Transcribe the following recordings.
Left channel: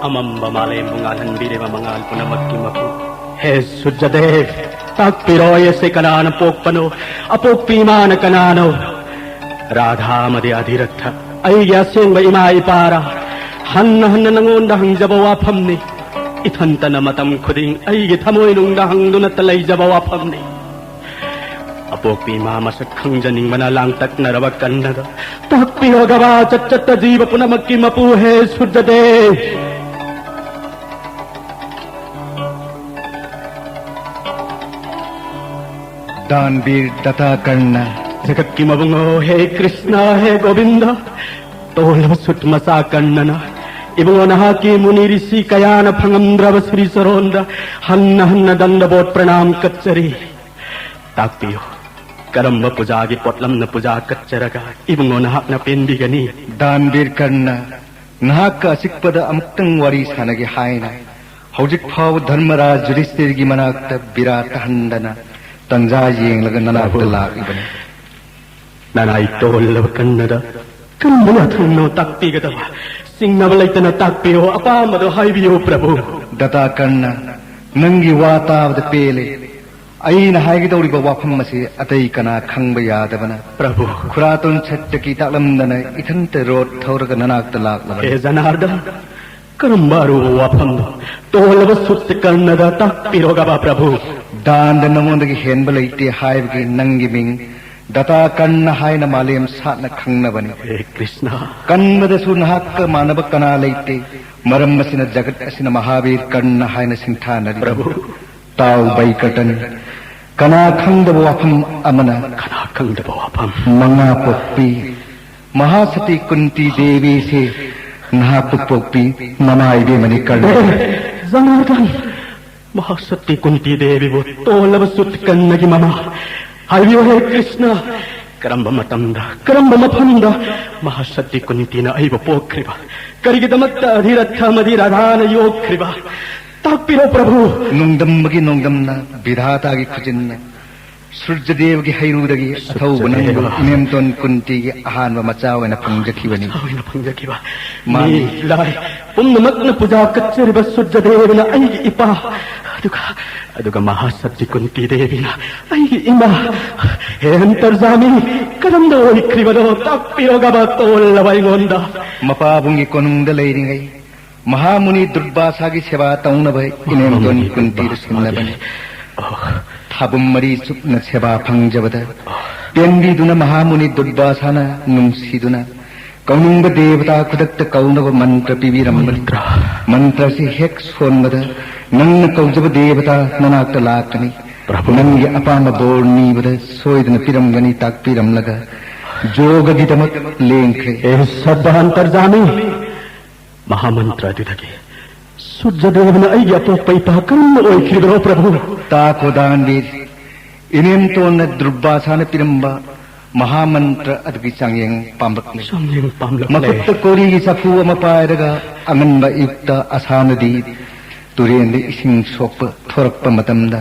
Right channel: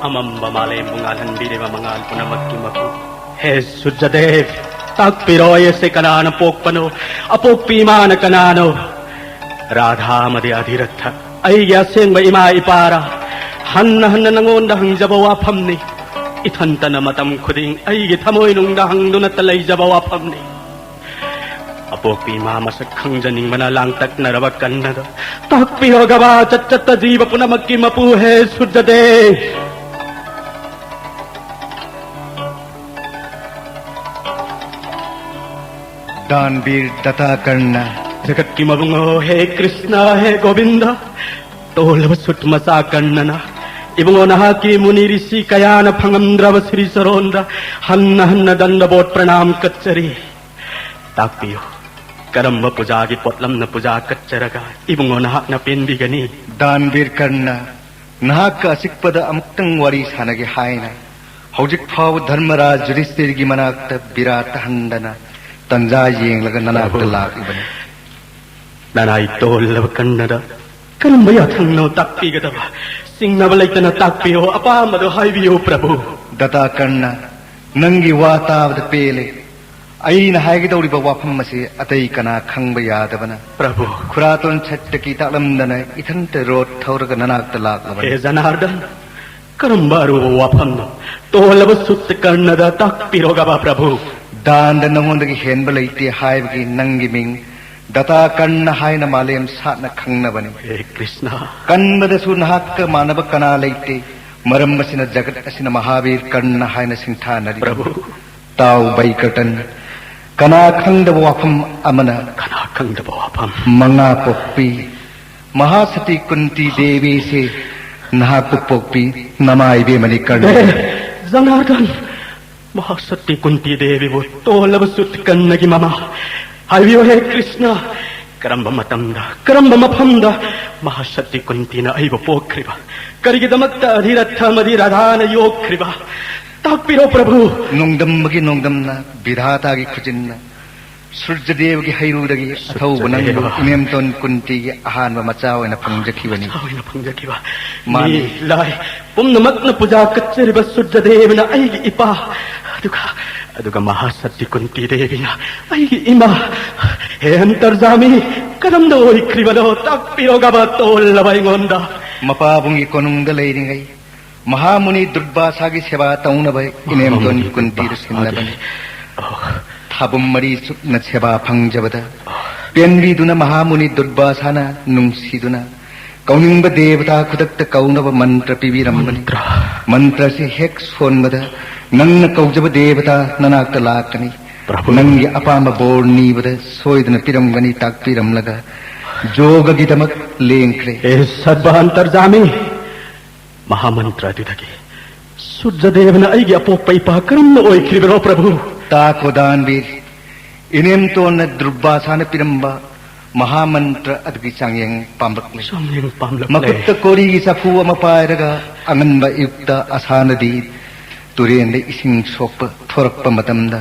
Amamba malay mangalan biri mamangal ko na magkimapo. Sudyadev, tagpiroy sa kananang pokpano, apok pima na kanano. Radha madi adiratha, ay gyaseng ba ima ipara, hanna nangundahang jabawapam ni. Itanta na matam kuding, ay gitamoy nung dahang nunatalay jabawapam ni. Apok pima masakhang janing manalangtak na rawakan na da. Tagpiro gaba, chat jiba po na magkimapo, Sudyadev. दानवीर दत्ता करना जगत की मबंगो हे कृष्णा हे गोविंदा तोलव सुटमसा कन्नना इबंगो नहा की मुनि ऋषि कयान फंगंद्रव श्री सरोंदा हन्न दंड boat प्रणाम कच्चरी तापियो करम पूजा की पोटलम न पूजा कच्चरगा इबंगो नहा न पेंदिगनी दानवीर करना नहा का सिक्पद अमुक्तंग वरी सानगे हायना हौजिक फाव धर्मराज युधिष्ठिर की मनाक्त विराट हंदना तंजा येंगलगा ननाकुद लाकिबने ननाई तोलव कन्नदा करंबया थंगनो ताक्पिगदा सिंगनब लैतना ताक्पियो अपामद हाइबियो प्रभु दत्ता करना नंगी वातावद पेले अईना हाइगदौरिब वाफम मसे अतई कना खंगब यादबना प्रभु खुरातोन छट्टकी तालमदना इथंत रोड थौरग ननाकुद लाकबने हे जनार्दन करंबारो वाफम तोलव सुत कन्नदा ताक्पिरोगबा प्रभु दान नमोदगी हेनब लेते हाइबगी नंगी मिंग दत्ता कन्न हायना मालेम सातना खंगनबने हे कृष्ण कन्नदसु नहाक मानव कना लेते मरम मसिन जगत असिन महावीर कन्न हायना सिंथानरी प्रभु ताव बैकटन कना खंगदब वाफम अमना कना खंगदब वाफम मंगा पोक्पी महासती कुंती देवी से नहाक पोक्पी नमाइबे मनि कर्ण जनार्दन महासती कुंती देवी वो तोलव सुत कन्नगी ममा हरियो हे कृष्ण करंब मतंदा करंब मफंदा महासती कुंती न ऐव पोख्रिबा करिगिदमत्त अधिरथ मदि राधान योख्रिबा तापिरो प्रभु नुंगदमगी नुंगदमना विधाता की खुजिन्न सूर्यदेव की हैरुदगी अथौ बनंग इनेमतोन कुंती की आहान मचा वना फंगजखिबनी मानी लाय पुन्नमत्न पूजा कच्चरिब सूर्यदेवना ऐगी इपा अदुगा महासती कुंती देविना ऐगी इमा हे अंतर्जामी करंद ओइख्रिबनो तापिरोगबा तोल्लवैगोंदा मपाबुंगी कोनुंग लेरिंगै महामुनि दुर्वासा की सेवा तौनबै इनेमतोन कुंती सिन्नबनी थाबुम मरी सुप्न सेवा फंगजबद पेंबीदुना महामुनि दुर्वासाना नुंसीदुना कौनिंग देवता खुदक्त कौनब मंत्र पिबिरंबनी मंत्र से हेक सोनबद नंग कौजब देवता ननाक लाकनी नंगी अपाम बोर नीबद सोयदन पिरंगनी ताक्पिरंलगा जोग गिदमक लेंख्रे ए सद्भांतर्जामी महामंत्र दिदगे सूर्यदेवना ऐगी अपोपैपा करम ओइख्रिबनो प्रभु ताको दानवीर इनेमतोन दुर्वासाना पिरंबा महामंत्र अदगी चांगेंग पामलकले मकुत्त कोरी की सफु अम पायरगा अनंग युक्त असानदी तुरेन इसिंग सोप थोरप मतमदा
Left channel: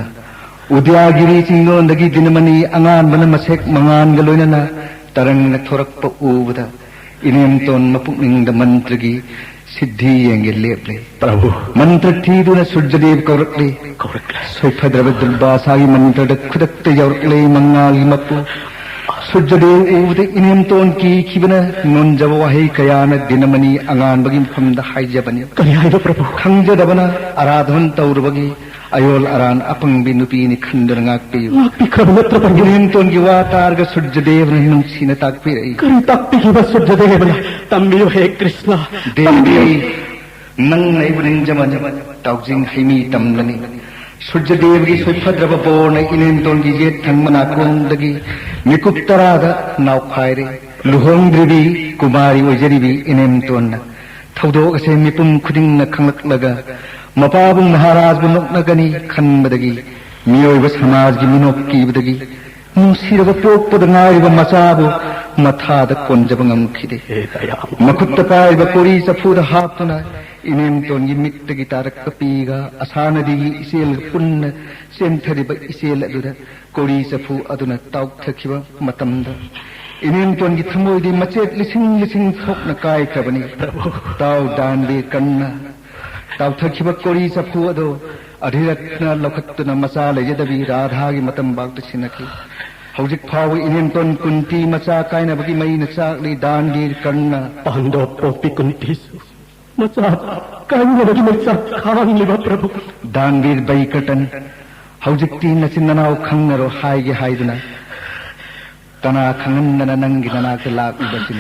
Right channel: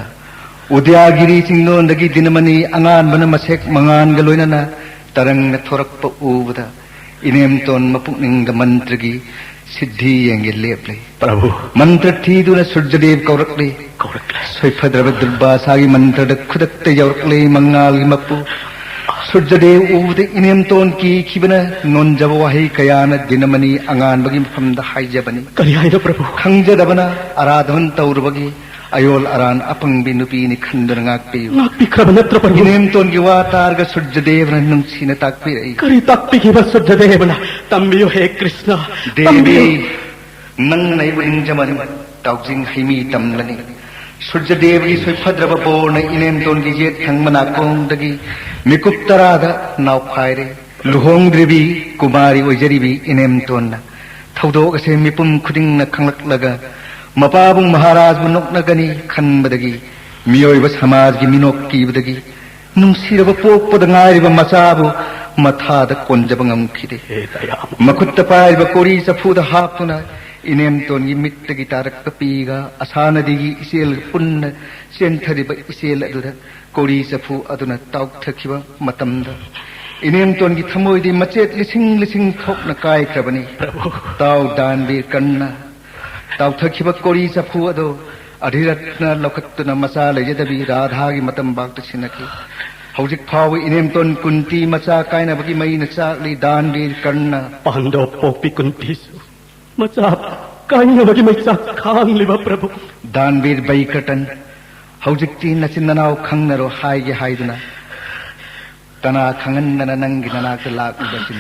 उद्यागिरी चिंगोंदगी दिनमनी अंगान बन मसेक मंगान गलोइनना तरंग थोरप उबदा इनेमतोन मपुनिंग मंत्रगी सिद्धि येंगे लेपले प्रभु मंत्र थीदुना सूर्यदेव कौरकले सोइफद्रव दुर्वासागी मंत्र खुदक्ते यौरकले मंगालगी मप्पु सूर्यदेव उबदे इनेमतोन की खिबना नोंजब वाही कयान दिनमनी अंगान बगी मफमद हाइजबनी करियाइदो प्रभु खंगजदबना आराधन तौरबगी अयोल अरान अपंगबी नुपीनि खंदर ngaakpiyo ngaakpikrab natra प्रभु इनेमतोन की वातारग सूर्यदेव नुंसीना ताक्पिरई करि ताक्पिकी बस सूर्यदेवना तम्बियो हे कृष्ण देवी नंग नैबरिंजमन ताउजिंग हिमी तमलनी सूर्यदेव की सोइफद्रब बोर्न इनेमतोन की जेत खंगमना कोंदगी मिकुप्तराद नावखायरे लुहोंद्रिबी कुमारी ओइजरिबी इनेमतोन थौदोग से मिपुम खुदिंग न खंगलगा मपाबुं महाराज बुनोकनगनी खनबदगी मियोइब समाज की मिनोक कीबदगी नुंसिरब पोकपद ngairiब मसाबु मथाद कोंजब ngamkhide मखुत्त पाइब कोरी सफुद हापुना इनेमतोन की मित्तगी तारक पीगा असानदीगी इसेल पुन्न सेंथरिब इसेल अदुदा कोरी सफु अदुना ताउथखिब मतमदा इनेमतोन की थमोइदी मचेत लिसिंग लिसिंग थोकना कायखबनी ताउ दानबे कन्ना ताउथखिब कोरी चफु अदो अधिरत्न लखत्तुना मचा लेजदबी राधागी मतम बागत सिनखी हौजिक फाव इनेमतोन कुंती मचा कायनबगी मईन चाकली दानवीर कर्ण पांडव पोपी कुंतीसु मचा कायनबगी मचा खांगलिबा प्रभु दानवीर बैकटन हौजिकती नचिननाव खंगनरो हाइगे हाइदुना कना खंगनना नंगी ननाक लाकुबसिन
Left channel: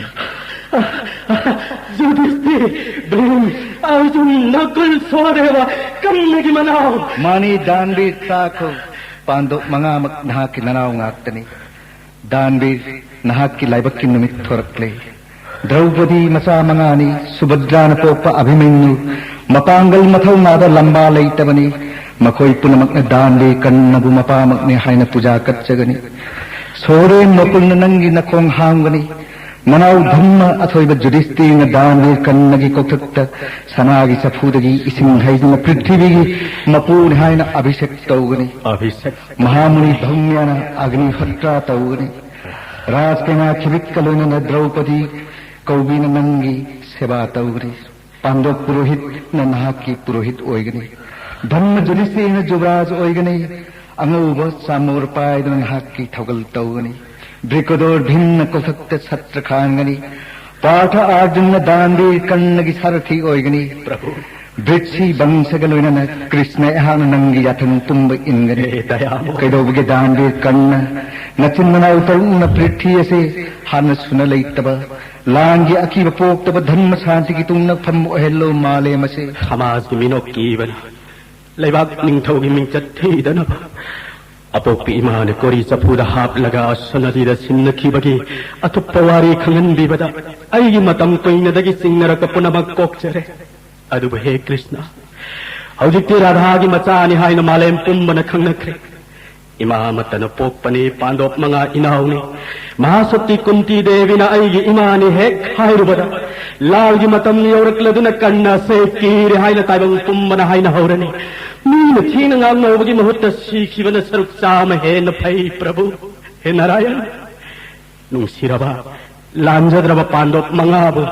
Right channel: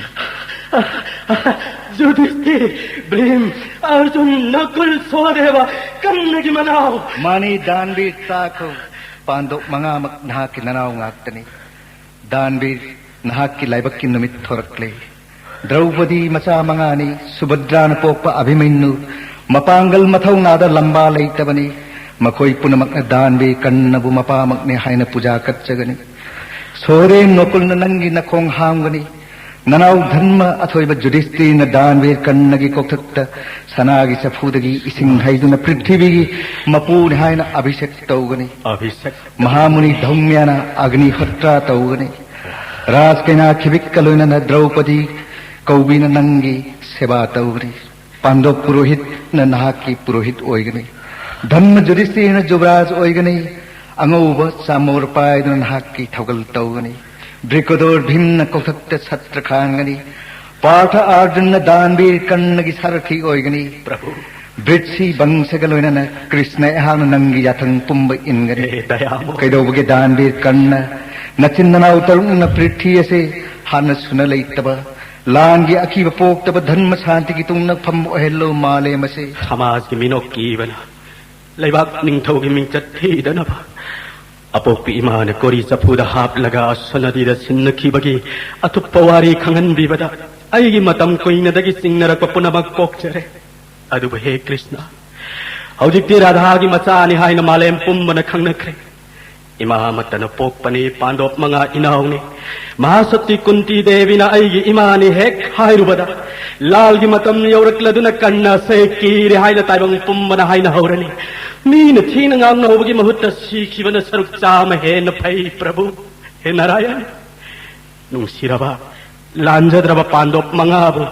युधिष्ठिर भीम अर्जुन नकुल सहदेव कन्नगी मनाव मानी दानवीर ताको पांडव मंगामक नहाकी ननाव ngaktani दानवीर नहाकी लाइबक्की नुमित थोरकले द्रौपदी मचा मंगानी सुभद्रान पोपा अभिमन्यु मपांगल मथौ नादा लंबा लेतबनी मखोई पुनमकने दानवीर कन्नबु मपामकने हायन पूजा कच्चगनी सोरेन मपुल्न नंगी नखोंग हांगनी ननाव धम्म अथोइब जुधिष्ठिर दानवीर कन्नगी कौथक्त सनागी चफुदगी इसिंग हाइदुना पृथ्वीगी मपुन हायन अभिषेक तौगनी अभिषेक महामुनि धौम्याना अग्निहोत्रा तौगनी राजकेना खिबिक्कलोइना द्रौपदी कौबिन नंगी सेवा तौगनी पांडव पुरोहित न नहाकी पुरोहित ओइगनी धम्म जुधिष्ठिर जुबराज ओइगनी अंगौब सामोर पायदुन नहाकी थौगल तौगनी ब्रिकोदोर भीमन कौथक्त छत्र खांगनी पाठ अर्जुन दानवीर कन्नगी सारथी ओइगनी प्रभु ब्रिट्सी बंसगलोइना कृष्ण एहान नंगी याथंग पुंब इनगनी कैदोबगे दानवीर कन्न नचिन्नना उतरुन पृथ्वी से हान सुन लेतब लांगी अकीब पोक्तब धर्म शांति की तुंग फम ओहेलो माले मसे समाज की मिनो कीवन लेबाक निंथौगी मिंचत थीदनब अपोपी इमान कोरी चफुदा हाप लगा सनदीद सिन्नखिबगी अतुप्पवारी खंगनबीबदा अईगी मतम कोइनदगी सिंगरक पुनमक कोक्चरे अदुब हे कृष्ण हौजिक्ति राधागी मचानी हायन मालेम पुंबन खंगनख्रे इमामतन पोपने पांडव मंगा इनावने महासती कुंती देवीना अईगी इमानी हेक हायरुबदा लालगी मतम यौरक्लदुना कन्न से कीरे हायन ताइबंग पुंबन हायन हौरने mean thin ngangnobagi mahutta sikhibana saruk chama hen phai prabhu he narayan nungsiraba lanjadraba pandop mangabu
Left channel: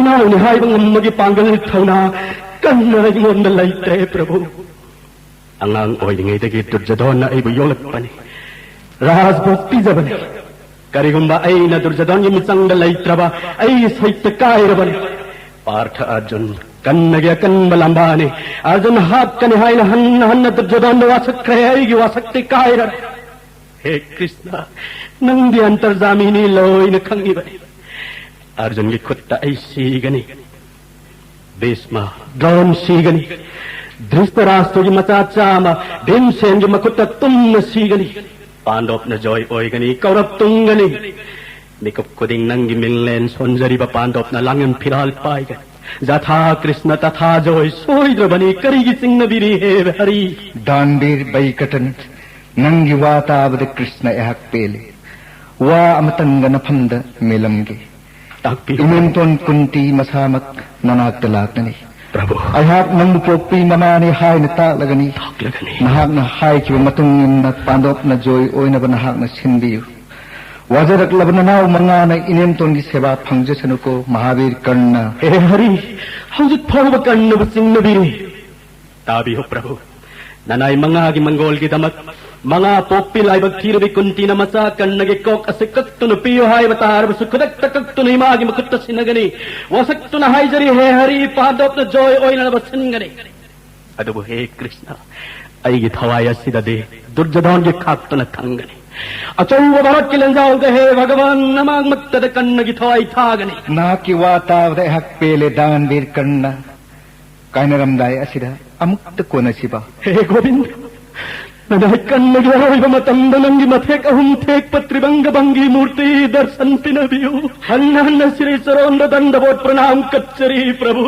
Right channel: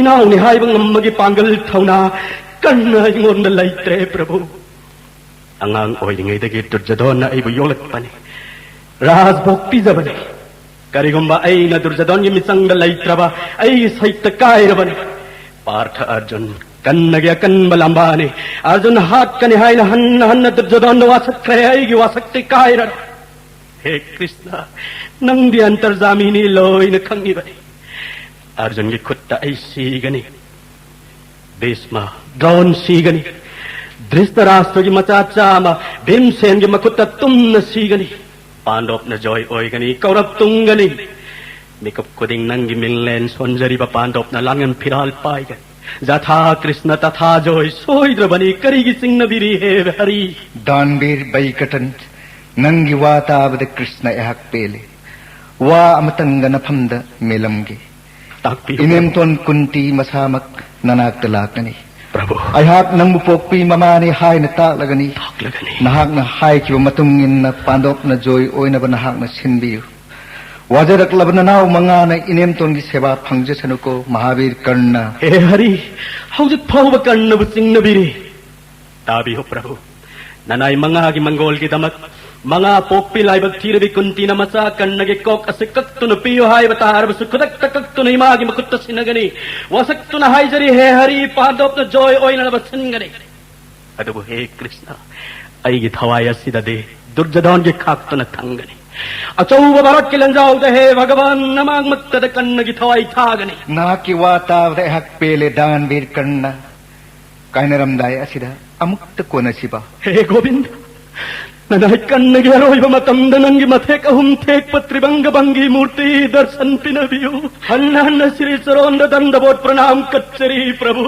inauni haibang ammagi pangal thauna kanna ingonda laitre prabhu angang oidingai dagi durjadona aibu yolakpani rajbhokti jabani karigumba aina durjadon ymisangda laitraba ai saita kairabani partha arjun कन्नगे कन्न लंबाने अर्जुन हाथ कने हाय हन्न हन्न दुर्योधन वासक्रे आएगी वासक्ति Kieron हे Krishna Nandi अंतर्जामिनी lion खंगी बने अर्जुन की खुट्टा ऐसी गनी भीष्म द्रोण सीगनी धृतराष्ट्र की मचाचाम भीमसेन की मखुट्टा तुम सीगनी पांडव न जॉय ओइगनी कौरव तुंगनी मिकप कुदिंग नंगी मिललेन सोंजरी बा पांडव न लांगन फिराल पाएगा जथा कृष्ण तथा जोय सोइद्र बनी करीगी सिंह बिरी हे हरि दानवीर बैकटन नंगी वातावद कृष्ण एहक पेले वा अमतंग नफंद मेलमगे इनेमतोन कुंती मसामक ननाक लाकनी प्रभु अहाक नंग पोपी ममाने हाय न तालगनी नहाक न हाय की मतुंग इन पांडव न जोय ओइन बन नहाक न सिनबियु वाजरक लबननाव मंगाना इनेमतोन की सेवा फंगजसनुको महावीर कर्ण हे हरि हौजिक फौब कर्ण बुसिंग बिरी ताबी हो प्रभु ननाई मंगा की मंगोल की दमक मंगा पोपी लाइबक थीरबी कुंती न मचा कर्ण के कोक असे कक्तुन पियो हाय बतार सुखदक तकक्तुन इमागी मुकुत्त सिनगनी वसक्तुन हाय जरी हे हरि पांडव न जोय ओइन बसिनगनी अदबु हे कृष्ण अईगी थवाय सिददे दुर्जधन के खाक्तुन थंगनी अचौब भरत की लंजाव दे हे भगवान नमक मत्तद कन्न की थवाई थागनी ना की वातावद एहक पेले दानवीर कर्ण कायनरमदाय असिदा अमुक्त कोनसिबा हे गोविंद नदाय कन्न की हरोइब मतम दनंगी मथेक अहुम थेक पत्रिबंग बंगी मूर्ति दर्शन पिनबियो हन्न हन्न श्री सरोंद दंडबोध प्रणाम कच्चरी प्रभु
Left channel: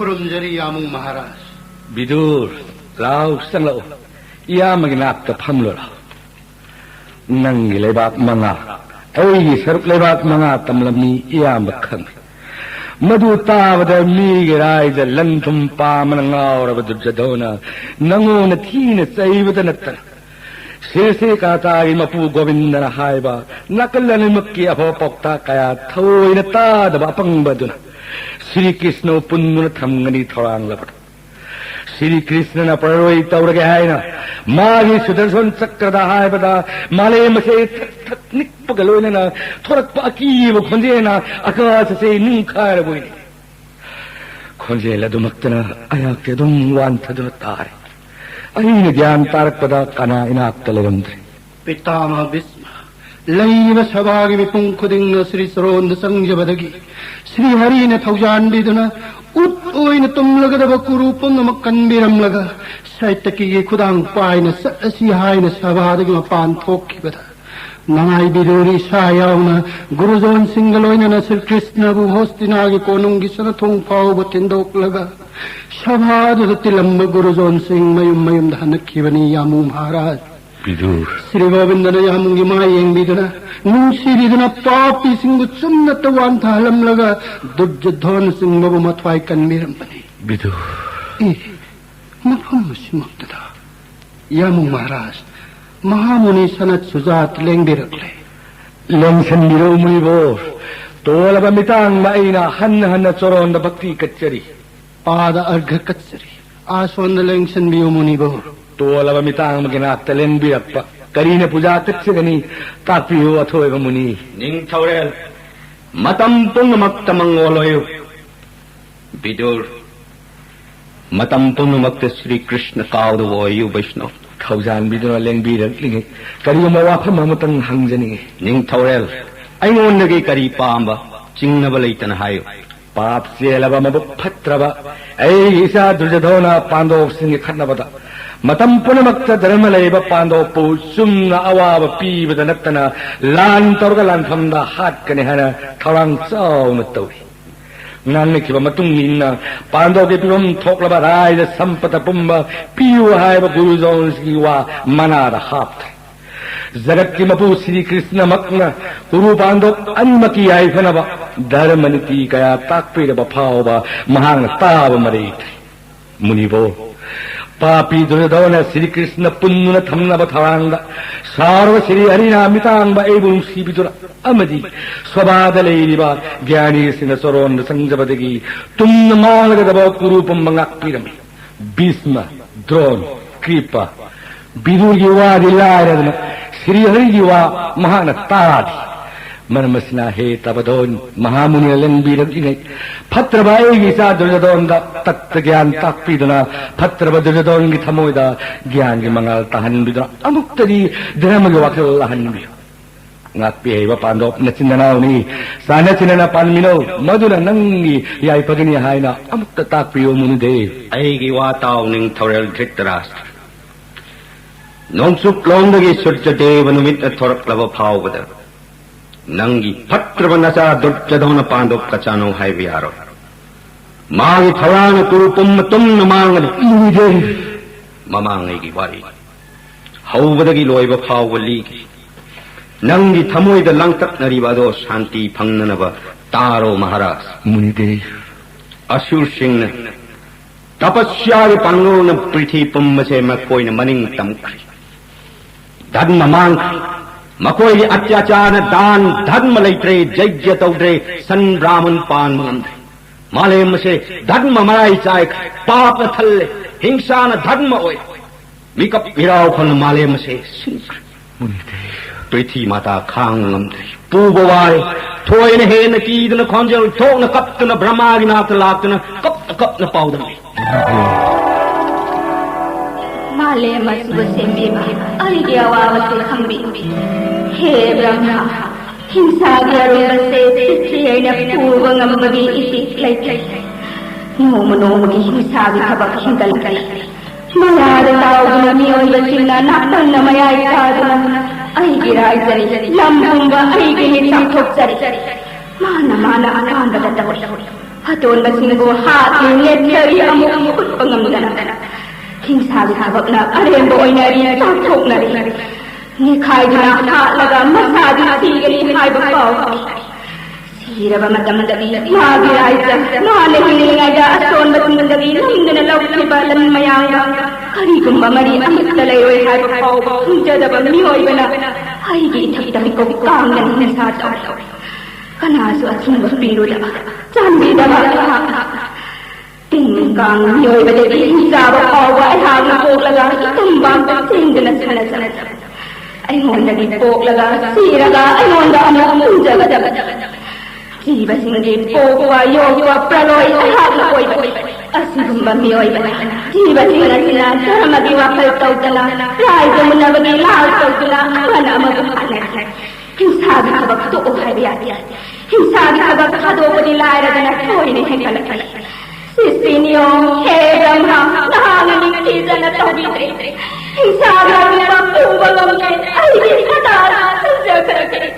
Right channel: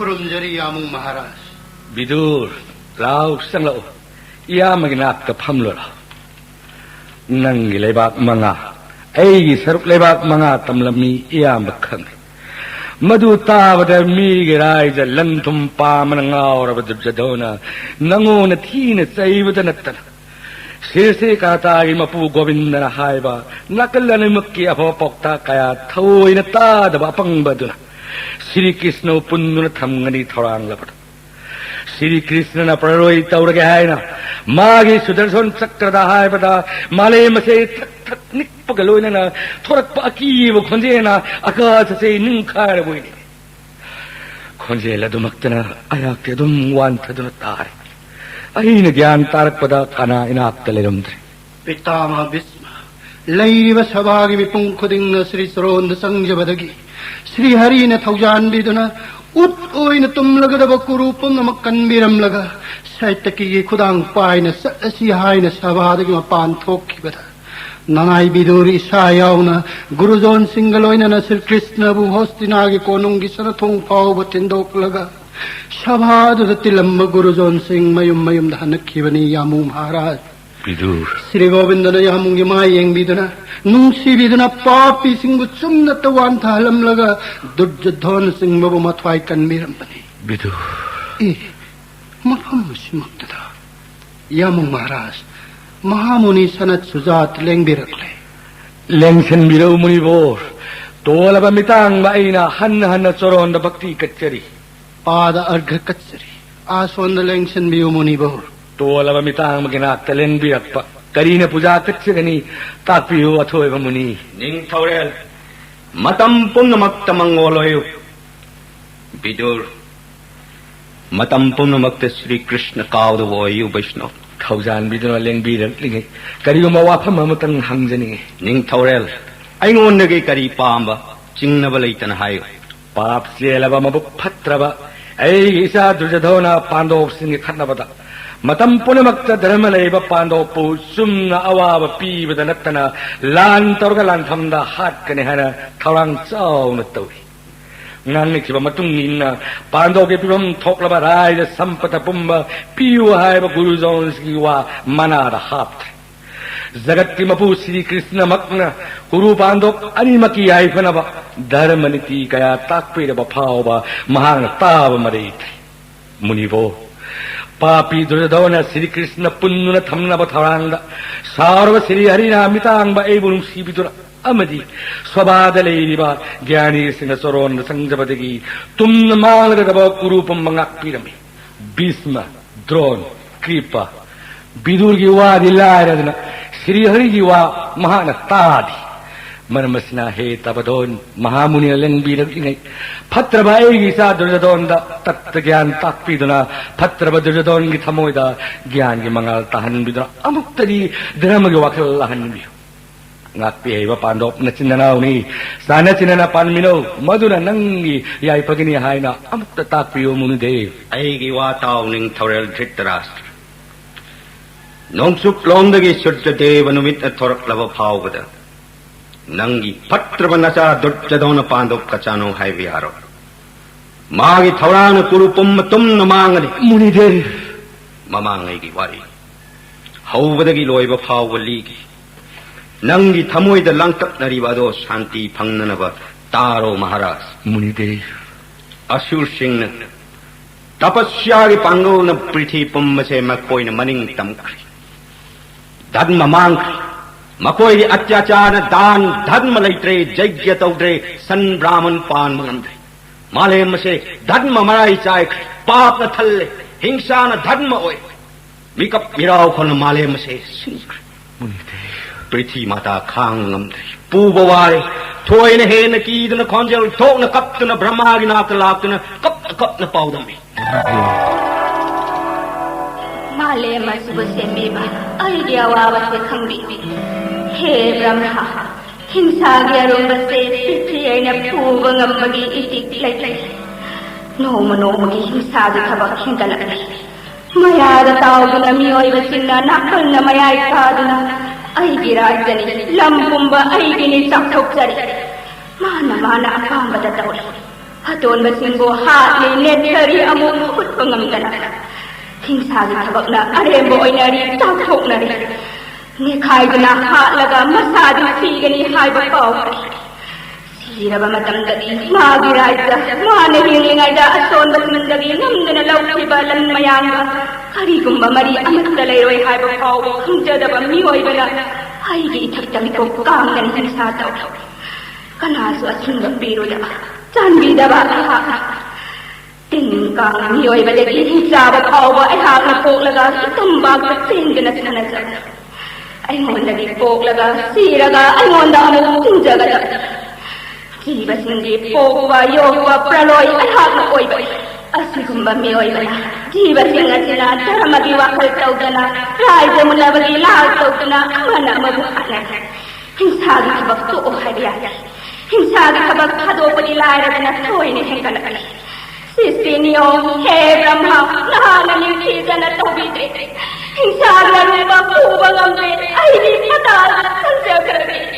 खुरुमजरी यामुंग महाराज विदुर लाउ संगलो या मगिनाक का फमलो नंगी लेबाक मंगा ऐगी सरुक लेबाक मंगा तमलमी या मखंग मधु तावद मीगे राइज लंथुम पामन ngauरब दुर्जधोना नंगोन थीन सैवद नत्तन सेसे काताई मपु गोविंदन हाइबा नकलन मक्की अफो पोक्ता कया थोइन तादब अपंगबदुन श्री कृष्ण पुन्नुन थमगनी थोरांग लबड श्री कृष्ण प्ररोई तौरगे हायना मागी सुदर्शन चक्रद हाइबद माले मसे निक्पगलोइना थोरक पाकीब खुंजेना आकाश से निंखार बोइने खुंजेला दुमक्तना अयाक्ते दुम वांथदुन तारे अहिन ज्ञान तारकपद कना इनाक्ता लेरमद्रे पितामह भीष्म लैरिब सभागी मिपुं खुदिंग श्री सरोन्द संजबदगी श्री हरिने थौजानबिदुना उत ओइन तुमलगदब कुरूपं मक्कनबिरमलगा साहित्यकी खुदांग पाइना सअसि हाइना सभादगी मपान थोक्खिबदा नंगाई बिदुरी सायावना गुरुजोन सिंगलोइना श्री कृष्णबु होस्तिनागी कोनुंगी सनथों फाउब तिंदोकलगा सभादुद तिलंब गुरुजोन सिंह मयुम मयुम धनक्खिबनी यामु महाराज विदुर श्री गोविंदन यामुंगी मायेंबिदुना नुंसीबिदुना पापी सिंह चुन्नत वांथालमलगा दुर्जधोन सिंह मबु मथवाई कनबिरमबनी विदुर ए मफम सिमुक्तदा यामु महाराज महामुनि सनत सुजात लेंबिरले लेंशन बिरो मुनिबो तोलब मितांग माइना हन चोरोंद भक्ति कच्चरी पाद अर्घ कच्चरी आसोंद लेंशन बियो मुनिबो तोलब मितांग मगिना तलेन बिरप करीने पूजा कच्चगनी तापियो अथोयब मुनि निंग थौरेल मतम पुण्यमक्त मंगोलोयु विदुर मतम पुण्यमक्त श्री कृष्ण कावदवोयु वैष्णव खौजान बिदुना लेंबिरलिगे करियोमा वाफम अमतंग हंजनी निंग थौरेल अइंगोंदगी करी पांबा चिंगनब लैतन हायो पाप सेलब मबु फत्रब ऐ ईसा दुर्जधोना पांडव सिंह खन्नबदा मतम पुनमक्त धर्म लेब पांडव पु सुमना अवाब पीबद नत्तना लान तोरग लान थमदा हाटकने हना थौरांग चाउन तौरी नानखिब मतुंग इन्ना पांडव के पिबम थोकलब राइज संपत पुंब पियु हायब गुरुजोन सिवा मनाद हाप्त जगत की मपु श्री कृष्ण मक्न गुरु पांडव अनिमकी आइफनब धर्म नीति कया ताकपिरब फावब महांग ताब मरेत मुनिबो पापी दुर्योधन श्री कृष्ण पुन्नुन थमनब थौरांग सार्व श्री हरिना मितांग एबुं सीबिदुर अमदी स्वबाद लेरिबा ज्ञानी सिंह सरोन संजबदगी तुम मांगदब कुरूपम मंगाक्पिरमि भीष्म द्रोण कृपा विदुर की वादी लायरदन श्री हरि की वा महान तादी मरमसना हे तबदोन महामुनि लेंबिरगिने फत्रबाई सा दुर्योधन तत्व ज्ञान ताक्पिदुना फत्रब दुर्योधन की थमोइदा ज्ञान की मंगल तहनबिदुना अमुक्तरी धर्म की वाक्य हनबि ngakpi paandop na sinanauni sana sinana panmino maduna nangi yai pagini haina amukta takpiyo munude aigi wataw ning thorel dhritarashtra nongsuk londagi surja devanumit thoraklava phawbada nangi patravanasa durjadona paandop kachano haiviyaro magi thorana kurupum tumna mangani munude mamangi wari hawbadagi loiba phawgaligi नंगी थमोइद लंकट नरीबादो शांति फंगनब तारो महाराज मुनिदे असुर सिंह ने तपस्या के पांगोल न पृथ्वी पुम्ब से मकोई न मनिंग तमखरी धर्म मांग मकोई अत्याचार दान धर्म लैत्रे यज्ञ तौद्रे सन ब्राह्मण पान मंद्रे मालेम से धर्म मराई चाय पाप थल्ले हिंसा न धर्म ओय मिकप विराव फन मालेम से सिंह मुनिदे पृथ्वी माता खांगम पूबवारे थोयन हेन कीदन खंजल थोन कप्तन ब्रह्मागी नाक लाक्तन कप कप न पाउदन माले मसबसे मेमा आइडिया वावसे खंबी हे ब्रह्मा हिंसा ग्यारुबसे पृथ्वीयन पूर्वंगमगी इति लै नोमनोमगी हिंसा गथबक हिंदलकरी मयाद ताउदन मियोइबसिना नापन्न मयाय कादन अहिगी राजनी लंबुंब अहिगी चाथोक्सरी माना अकांबदतब हतोन बसिंगो हातनि नेटरी अमु खुत्पंगमदन हिंसागी थबकना अरेंब ओइनारी चाथोकनरी नेखाइदना हातलगा मसादी सीगनी HYBE Pavri Siraba matamdagi, magiraisa, manahilingayda ason matmandagi, nungdana lawkiba mayanga. Karigumba mari amit talairoy haro, kumjadaba miyoybana. Aygi itagdami ko kangan hinsataw. Kanaso at sumbapiru daba, janbi daba. Tingkang miyoyba de hinsaba kawa ay hagna poglaga, itumbang kasindana sanasana. Ay mondagi poglaga, siraga, ay monda mo kumjaga daba. Jiba sindi pogwa, yogwa, praloy, ay hagna koyba. Asirumba miyoyba. Jiba singa sinang taramagi wakal tawdana, raido mulabagi lahal tawdana, wana mabuhanak. Hinsagi kabag tuo hariyada. Hinsagi kabag hado pa nilayra na toy ni hingkanakas. Sisinyo, Brahma, nahanganikisa na tawite. Hinsagi ang mapubang ang ay di hatara ang sagagay.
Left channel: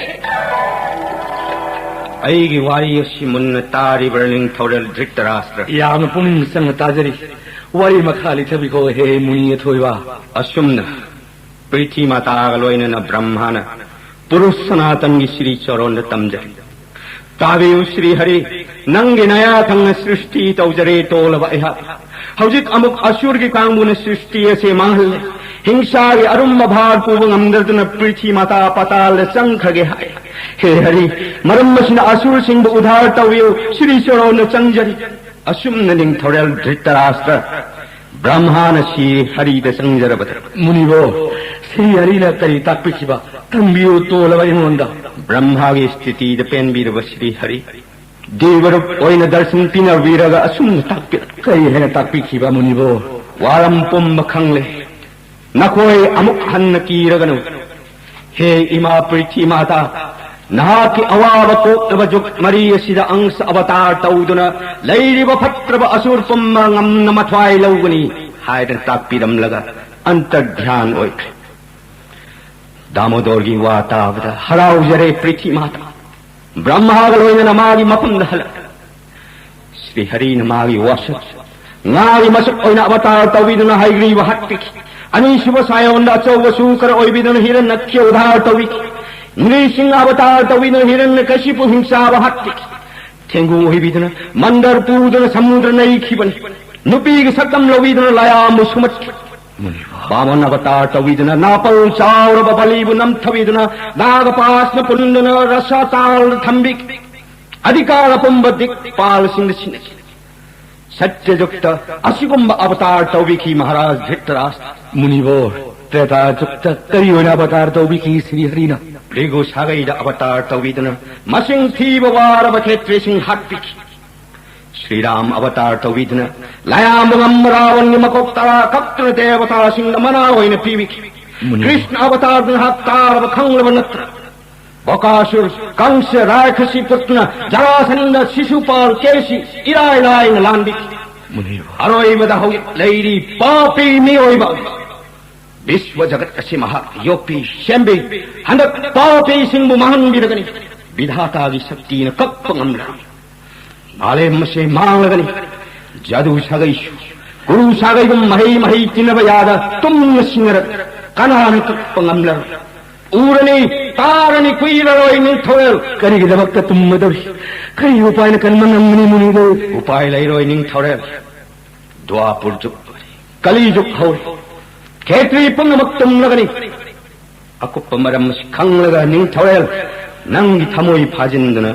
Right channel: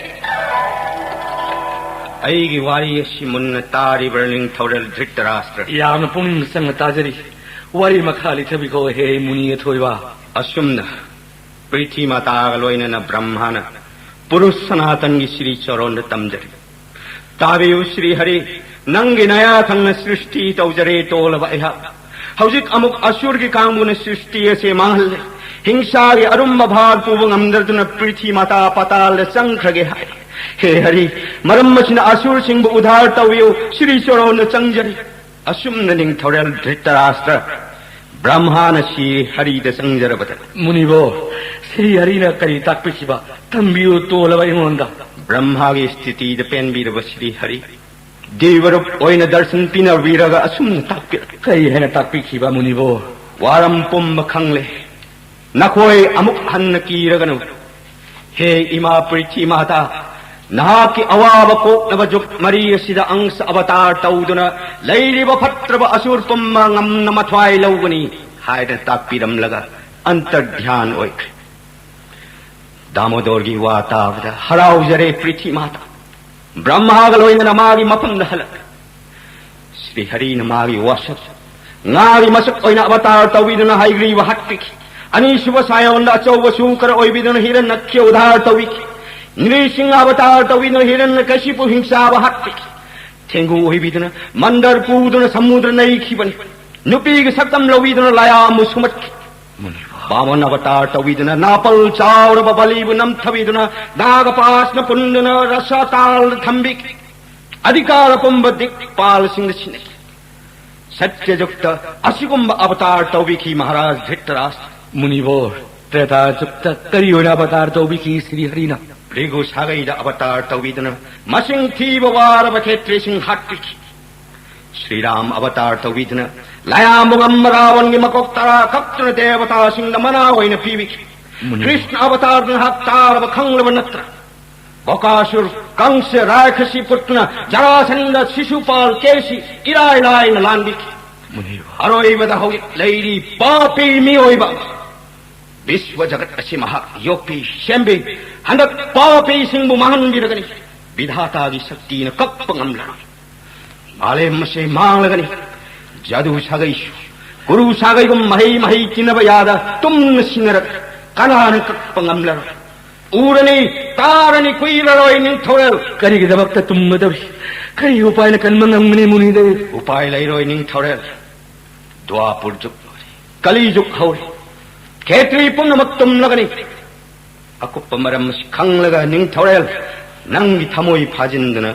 Aygi wari simun tari burning total Dhritarashtra. Yam puning sang tajari. Wari makhali tabi ko he muni thoiwa. Asumna. Priti mata galoina na brahmana. Purus sanatan gi Shri Charon tamjari. Tabi Shri Hari nangi naya thang srishti taujare tolava eha. Haujik amuk asur gi kangmun srishti ase mahal. Hingsa gi arumma bhar puvung amdardana priti mata patal sangkhage hai. He Hari, marammasina asur singbu udhar tawiyo Shri Charon changjari. Asumna ning thoral Dhritarashtra. Brahmana Shri Hari da sangjarabata. Munibo, Shri Hari na kari takpikiba. Tambiyo tolava inonda. Brahma gi sthiti da penbirava Shri Hari. Devarup oina darsan pina viraga asumna takpira. Kari hena takpikiba munibo. Waram pumba khangle. Nakoi amuk hanna kiraganu. He ima priti mata. Nahaki awaba ko nabajuk Maria sida angsa avatar tauduna lairiba phatraba asur tumma ngam namathwai lawgani haida takpiram laga antardhyan oik Damodorgi wata avada harau jare priti mata Brahma galoina namagi mapunda halak Shri Hari namagi wasat ngari masuk oina avatar tawiduna haigri wa hattik ani suba sayawanda achawa sukar oibiduna hiran nakya udhar tawik Nrising avatar tawina hiranna kashipu hingsa bahatik. Tengu hibidana, mandar pudana samudra naikiban. Nupi sakam lawidana layam sumat. Baban avatar tawidana napal chaura babalibunam tawidana nagapasna pundana rasatal thambik. Adhikara pumbadik pal singh Satya Jukta Asigumba avatar tawiki Maharaj Dhritarashtra. Munivor, Treta Jukta Kariyona avatar tawiki Sri Harina. Rigu Sagaida avatar tawidana masing thiba warava khetre sing hattik Sri Ram avatar tawidana layam mamravan yamakoktara kaptra devata sing namana oina pivik Krishna avatar dan hattar khanglavanatra Bakasur Kamsa Rakasi putna Jarasana Sisupal Kesi Ilailai nalandik Aroivada hoy lady papi mioiba Viswa jagat asimaha yopi shembi handak papi singbu mahan biragani bidhata di sakti na kappangamla bale mase manglagani jadu sagai guru sagai gum mahi kinabayada tum sinarat kanana kappangamla urani tarani kuilaroi ning thol kari gidabakta tummadawi kari upay na kanmanang muni do upay lairoi ning thol dwapur juk kali juk hauri Ketri punamatum lagani. Aku pemaram kang laga ning thorel nang thamoi phajindana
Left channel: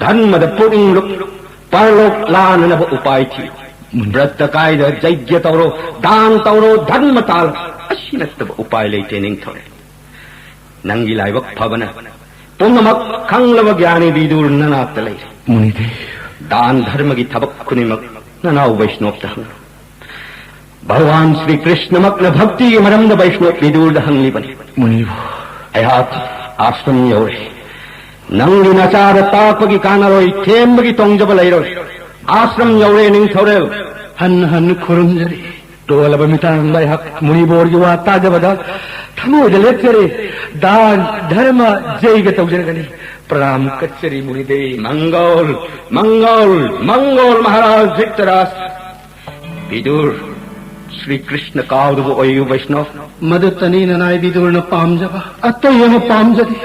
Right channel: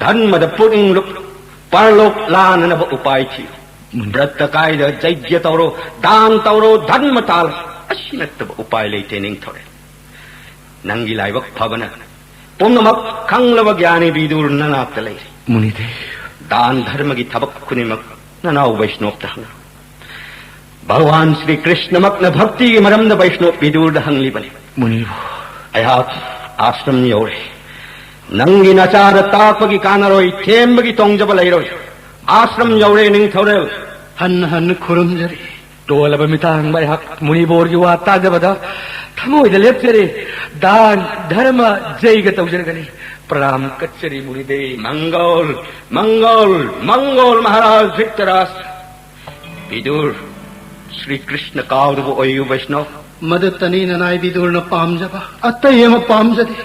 dhanmada puring luk parlok lana na upai thi bratta kaida jagya tawro dan tawro dhanma tal asinat upai leite ning thorel nangi laibak bhavana punamak kang laga gyani bidur nana talai munide dan dharma gi thabak kunimak nana vaishnop tahna Bhagavan Shri Krishna makna bhakti maramda Vaishnava vidur hangli bani. Munir. Ayat ashram yore. Nangi nachara tapagi kanaroi thembagi tongjabalairoi. Ashram yore ning thorel. Han kurumjari. Tola bamitang bayhak muni borgi wata jabada. Thamoi de lepchare. Dan dharma jaiga tawjaragani. Pranam kachari muni de Mangal Maharaj Dhritarashtra. Vidur Shri Krishna Kauravu Ayu Vaishnava Madatani Nanai Vidurna Pamjava Atayama Pamjati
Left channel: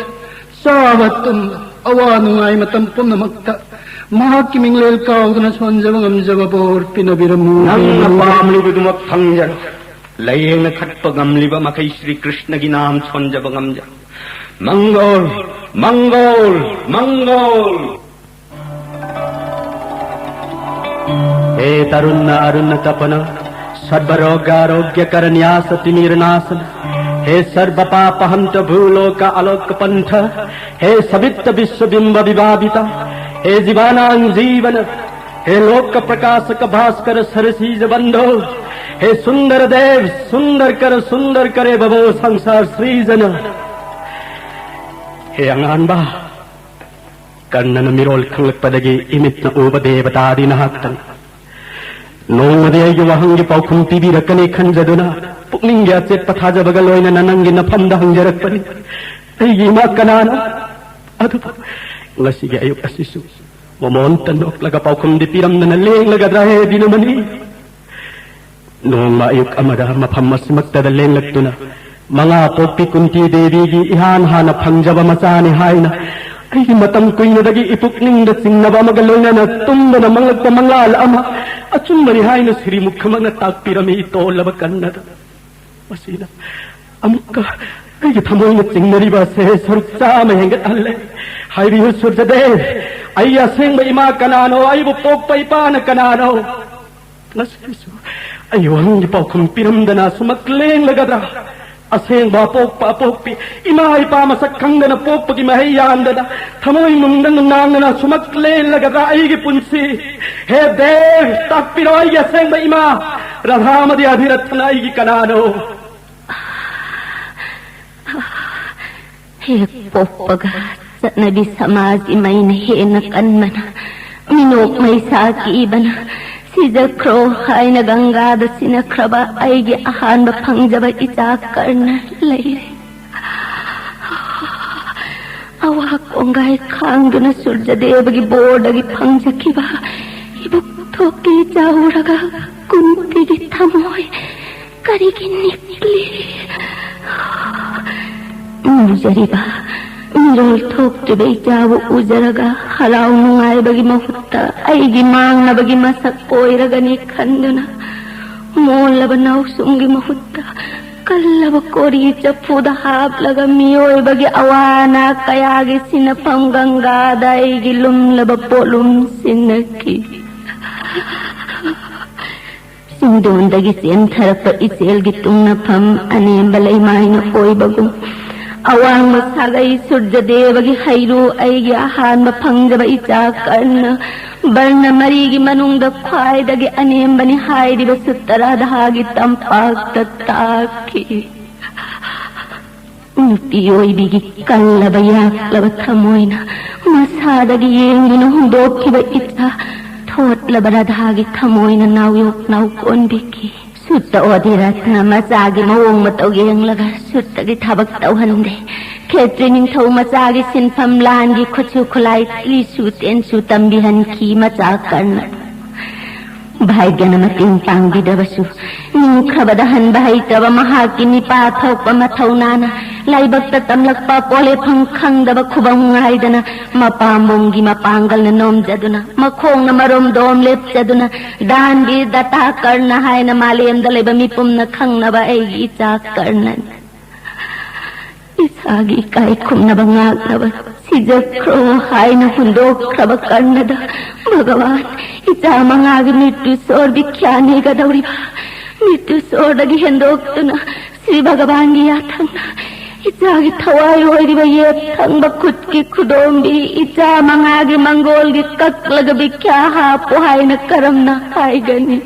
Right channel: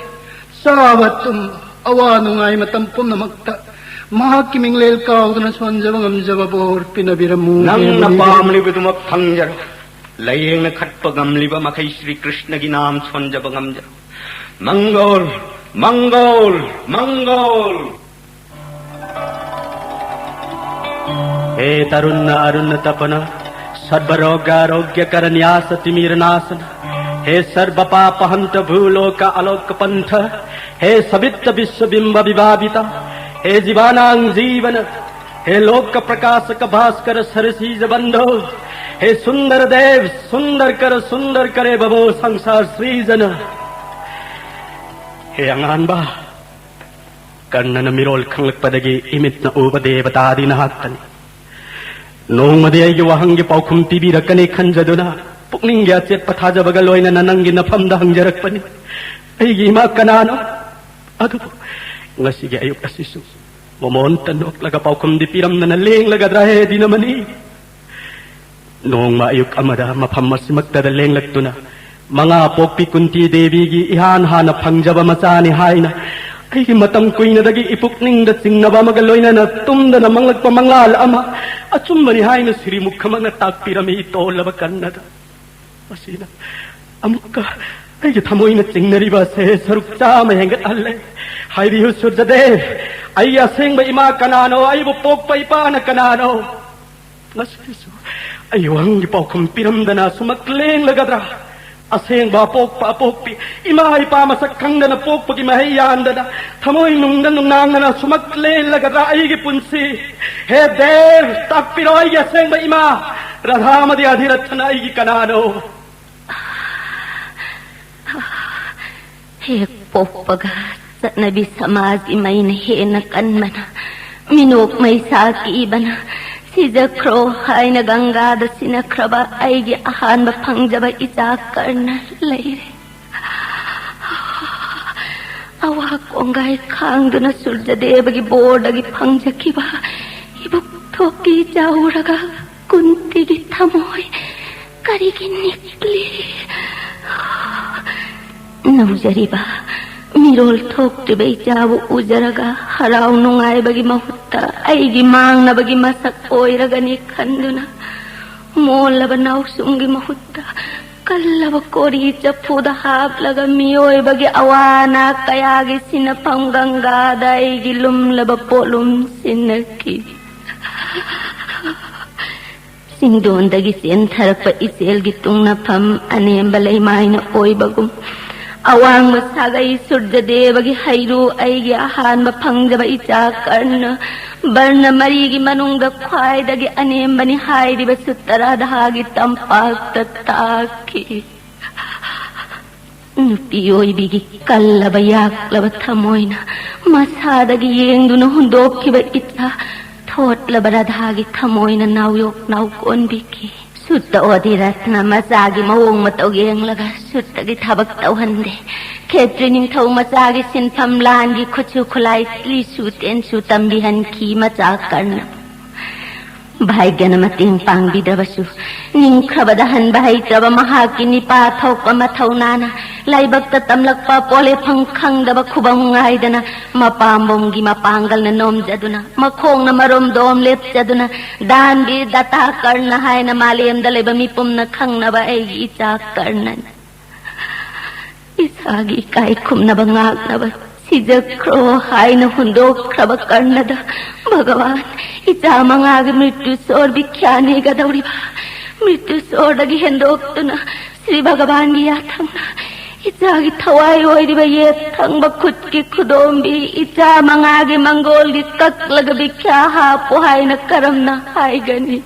Savatam awa nungai matam punamakta mahakki minglel kaudana sonjaba ngamjaba bor pinabiramu nangna pamlibudumak thangjar layengna khatpa gamliba makai Sri Krishna gi naam sonjaba ngamja Mangol Mangol Mangol हे तरुण अरुण तपन सर्वरोगारोग्य करन्यास तिमिरनाशन हे सर्व पाप हंत भूलोक आलोक पंथ हे सवित विश्वबिंब विवादिता हे जीवानां जीवन हे लोक प्रकाशक भास्कर सरसीज बंधो हे सुंदर देव सुंदर करे बबो संसार सृजन हे अंगानबा कर्णन मिरोल खंगलपदगी इमितन उपदेवतादि नहाक्तन नोंमदे अयगे वहंगे पाउखुम पिबिरकने खंजदुना पुक्निंगे अचेत पथाजबगा लोइना ननंगे नफमदा हंजरकपनि अयगे इमा कनानो अदु ngasiगे अयुक असिसु मोमोंतन नोक्लगा पाउखुम दि पिरमदना लेंगलगद्रा हे दिनमनि नोंमा अयुक अमदा मफम मसिमक्तदा लेंगलक्तुना मंगा पोक्पि कुंती देवीगी इहान हाना फंगजबा मचानि हाइना अयगे मतम कुइनदगी इपुक्निंगदा चिंगनबा मगा लोइना तुमदना मंगलक्पा मंगाल अमा अचुम्बनि हाइना श्री मुखमंगा ताकपिरमी तोलबा कन्नदा मसीना अमुक्का अयगे थमोइना चिंगनरिबा से सरुक चामा हेंगतहल्ले हाइरियो सूर्यदेव अय्या सेंगबा इमा कनानो अयबु पोक्पा इपाना कनानो लसिसु अय्यो हंगे पाउखुम पिरमदना सुमक लेंगलगद्रा असेंगबा पोक्पा पोक्पि इमा इपा मसक खंगदना पोक्पगी महैयांदना थमोइ नुंगदन नांगदना सुमक लेंगलगद्रा अयगे पुंसी हे देव ताकपिरो अयगे असेंगबा इमा राधामदि अधिरथना अयगे कनानो हे पोक्पगा चटनबी समाज इमैन हेना कन्मना मिनोक मैसाकी बना सिजख्रो हाइन गंगाद सिनख्रबा अयगे अहानबा फंगजबा इचा करना लैरे अवा कोंगाय खांगदुना सूर्यदेवगी बोर्डगी फंगजखिबा इबुक थोकी जाउरगा कुंतीगी थमोय करिगी निकली नौजरिबा मिरोल थोक्तिबे जाबु उजरगा हराव नुंगाइबगी महutta अयगी मांगनबगी मसक कोइरगनि खंदुना मोलबा नाउसुमगी महutta कल्लबा कोरी चफुदा हापलगा मियोइबगी अवाना कयागी सिनफम गंगादा अयगी लुमलबा पोलुम सिनकी सिंदोंदगी सेंथरपा इसेलगी तुंगनफम अनेंबा लैमाइना ओइबगुम अवांग मसागई सूर्यदेवगी हैरू अयगे अहानबा फंगजबा इचा कर्ण बर्ण मरीगी मनुंगदा ख्वाइदगी अनेंबनि हाइरिबा सुत्तराधागी तंपाक्ता ताकी नुपियोइबिगी कल्लबा याक्लबा थमोइना मसादगी येंगदुना हुंदोक्खिबा इचा थोटलबा राधागी थमोइना नावयोक नावकोनबिकी सुत्ता ओधिरत्ना मचागी मवोंग मतौगे यंगलगा सुत्तगी थबक तौहंदे खेत्री निंगथौ मचागी सिनफम लानगी खुचु खुलाई लिसु तेनसु तंबिहनखी मचा करना भाग्यन मतिंग पांगबिदबसु निंख्रबदा हनबा हैत्रबा महाकी निपा थोकपा मथौनाना लाइबक्ता तमलकपा पोले फंग खंगदबा खुबंग ngaidana मपांबोंगी मपांगलना नोमजदुना मखोंगना मरोम दोम लेपजदुना दानगी दता करना हायना मालेमदा लेबा मिपुमना खंगनबा अयगी इचा करना इसागी काय खुमनबा ngagnaba सिजख्रो हायना हुंदोख्रबा करनदा भगवान इचा मंगागी मृत्यु सोर बिख्यानी गदौरिबा मृत्यु सोरदगी हेंदोक्तुना श्री भगवान गी याथमना इचागी थवाई ओइरिबा ये थंगबा खुदकी खुदोंबी इचा मंगागी मंगोलगी कक्लगा बिख्या हापो हायना करमना हायगनी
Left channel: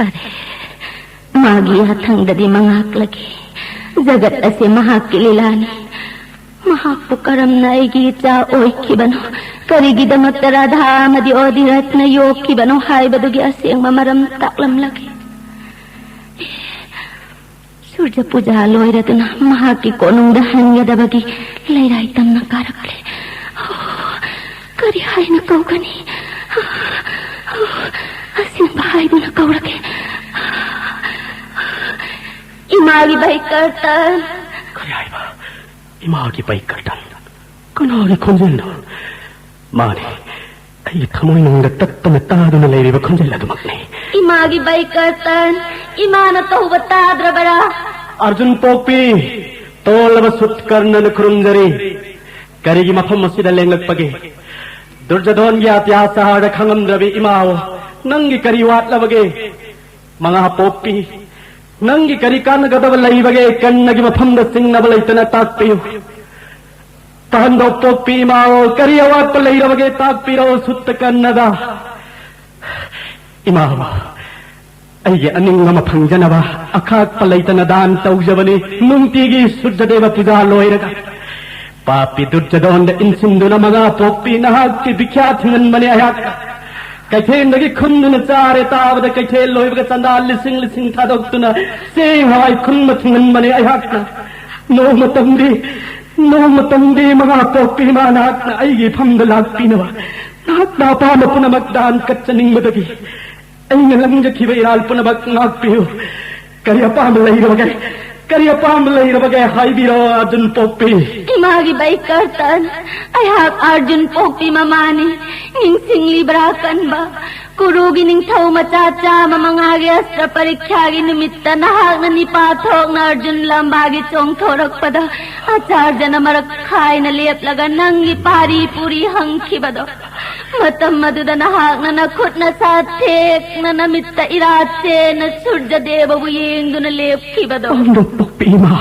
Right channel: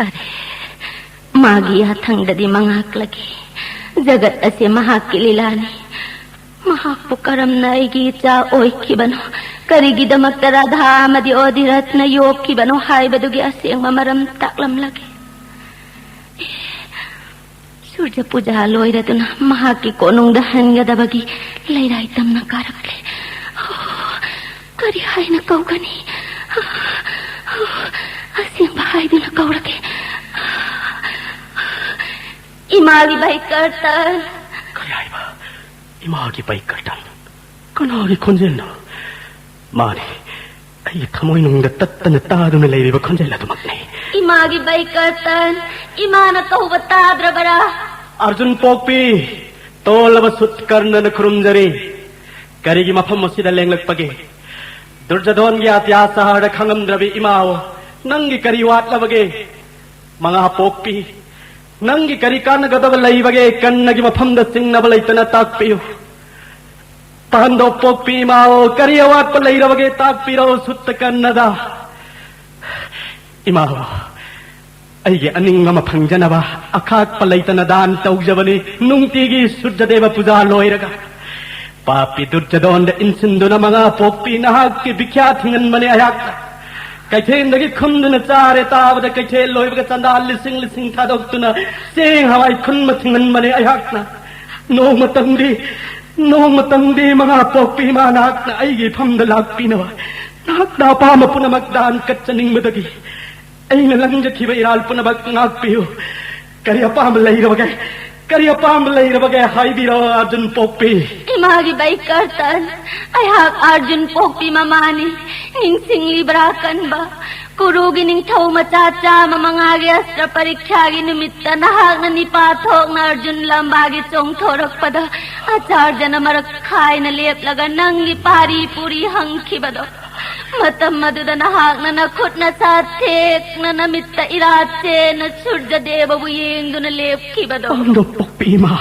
अरे मागी याथंगददी मंगाकलगी जगत असे महाकी लीलानी महापु करमना अयगी इचा ओइखिबनो करिगिदमक्ता राधामदि ओधिरत्न योक्खिबनो हायबदुगी असेंगबा मरम ताक्लमलगी सूर्य पूजा लोइरदुना महाकी कोनुंगदा हनगदबगी लैराई तमना कारकले करि हायना कौगनी असेंगबा हायदुना कौरके इमागी बाई करता करि हायबा 이마기 바이kartan kanagi konjelna mani ay thamoy nung tattan taadu na leiri ba konjela dumakne Imagi baikatan imana tahuba tadra bara Arjun Pokpi tolaba sutkarna na kurumjari karigi mafam masida lenglakpage Durjadon gi atyasa hada khangamdrabi imaw nangi kariwat labage mga Pokpi nangi karikan gadab laibage kannagi mafam da singna balaitana takpiyo Pahando Pokpi imaw kariyawat palairabage takpiro suttakannada imaw Aige aning mama pangjanaba akak palaitana dan taujabani nungtigi Surjadeva puja loiraga papi Durjadon da insinduna mga Pokpi nahag ki bikyat hingan mani ayak kaithen dagi khunduna chare tabada kaithen loibaga chandal lising thadok-tuna sing hawai khunma hingan mani ayak na no matangdi mga Pokpi manak na aige phamda lakpinawa nak na pama punamagdan katsaning madagi ay nalang kiba iralpuna bak ngakpiyo kariya pamalayrabagay haibiro Arjun Pokpi Imagi baikatan ay hak Arjun Pokpi mamani ning singlibarakan ba kurugi ning thaw machacha mamangagi astra parikyagi numitta nahag na nipathok na Arjun lambagi chong thorak pada acharya na marakhay na lep laga nang nipari puri hangki bado Matam maduda nahag na nakut na satek na namitta irache na Surjadeva buyeng do na lepki bado Pokpi ma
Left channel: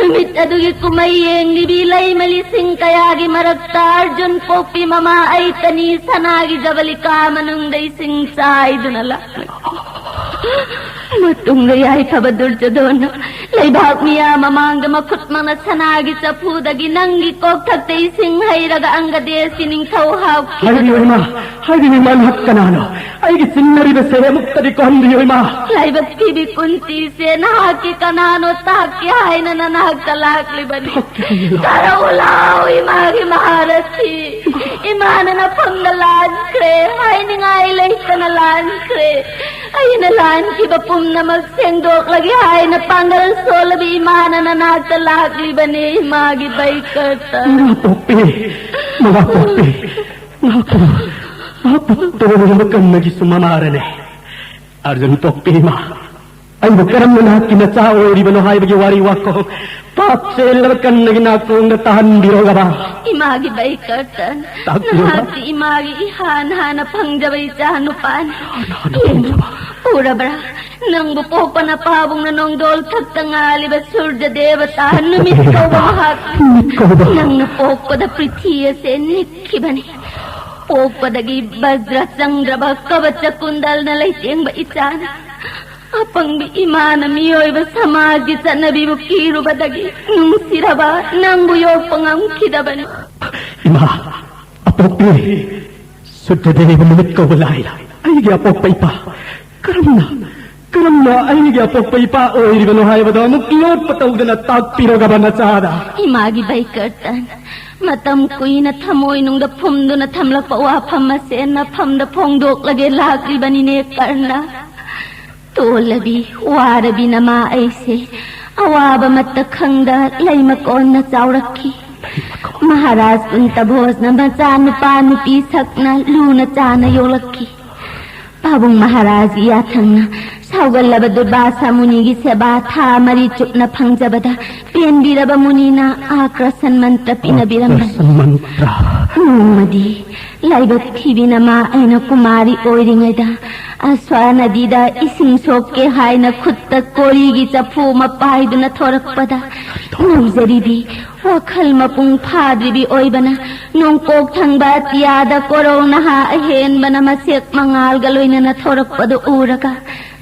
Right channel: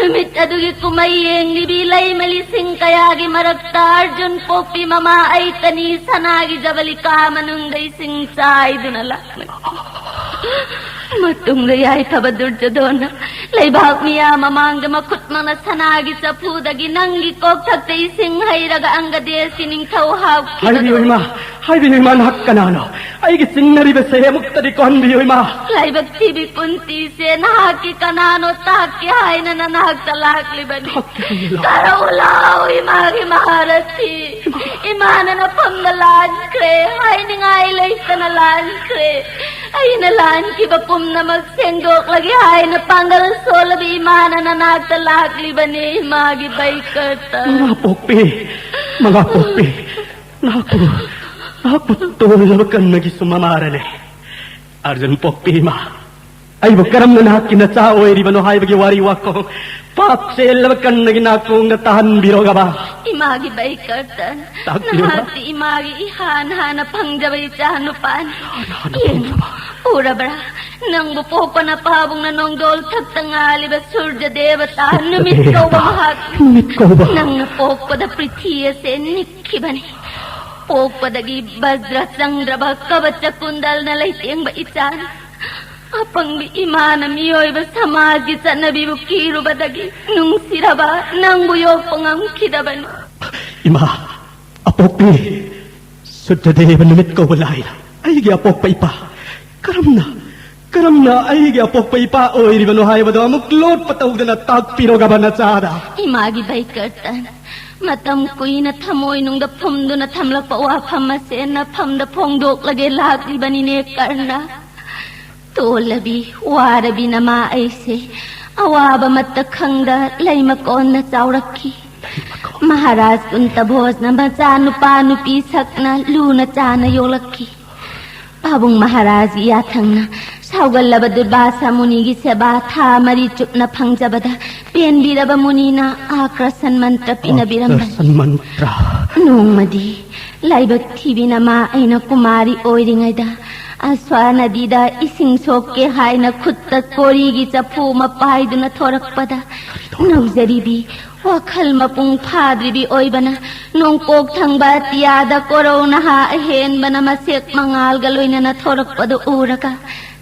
Namitta dugi kumayeng nibilay malising kayagi marakta Arjun Pokpi mama ay tani sanagi jabalika manung day sing say do na lakme Matung gayay Durjadon laybak niya mamangga makut mga sanagi sa pudagi nanggi kog tagtay sing hayraga ang gadesi ning tawhaw Haybi ma nakkanano ay gising nariba sa muktadi ko hindi ma laybak tibi kunti se nahaki kanano tahaki hay na nanahagtalak libani karawulaw imagi maharasi imana na pangnalan kre hay ni ngay lay kanalan kre ay nalan kibapum na magsendok lagi hay na panggalan solabi imana na nagtalak libani imagi baikata mga Pokpi Napagtulog nagi sumamarane Arjun Pokpi ma ay bakaram na kinatao ay ribano hay bagi wariwako papsel kan nagi nakong natahan biro ba Imagi baikatan nahati imagi ihan-hana pangjabay chanupan Ura bara nang bupo pa na pahabong na nong dol tangali ba Surjadeva tahan numikaw ba mahat nang napok pa da pritiya sen nikibani Pok pa dagi Bajra Chandra ba kabatsa kundal na layteng ba itan apang bi imana miyoy ba samagi sa nabi mukiru ba dagi nung siraba nang buyog pangam kidabani Ima Pokpi Surjadeva numit ko walay ay gi Pokpi pa karam na ay gi Pokpi pa o ribano hay ba daw maglot patawag na tagpiro ka ba na tsada Imagi baikatan Matam kuy na tamoy nung dapom do na tamlak pa wapam masen na pam da pongdok lagi lagi ba karna Tolabi, warabi na maayse awaba matakang da lay makon na tsawraki Maharaj untabos na matsano pano pisak na luna tsana yolaki Pabong Maharaj iyatang na Saugal labad basa muni giseba tha mari chup na pangjabada pendi raba muni na akrasan mantra pinabirambay mantra Numadi laibak thibi na ma ay na kumari oiringada aswa nadida ising sokke hay na khutta korigi chapu mapai duna thorakpada nungzaribi wakal mapung phadribi oibana nung kok thangba tiada korona ha ahen bana masek mangal galoina na thorakpado uraka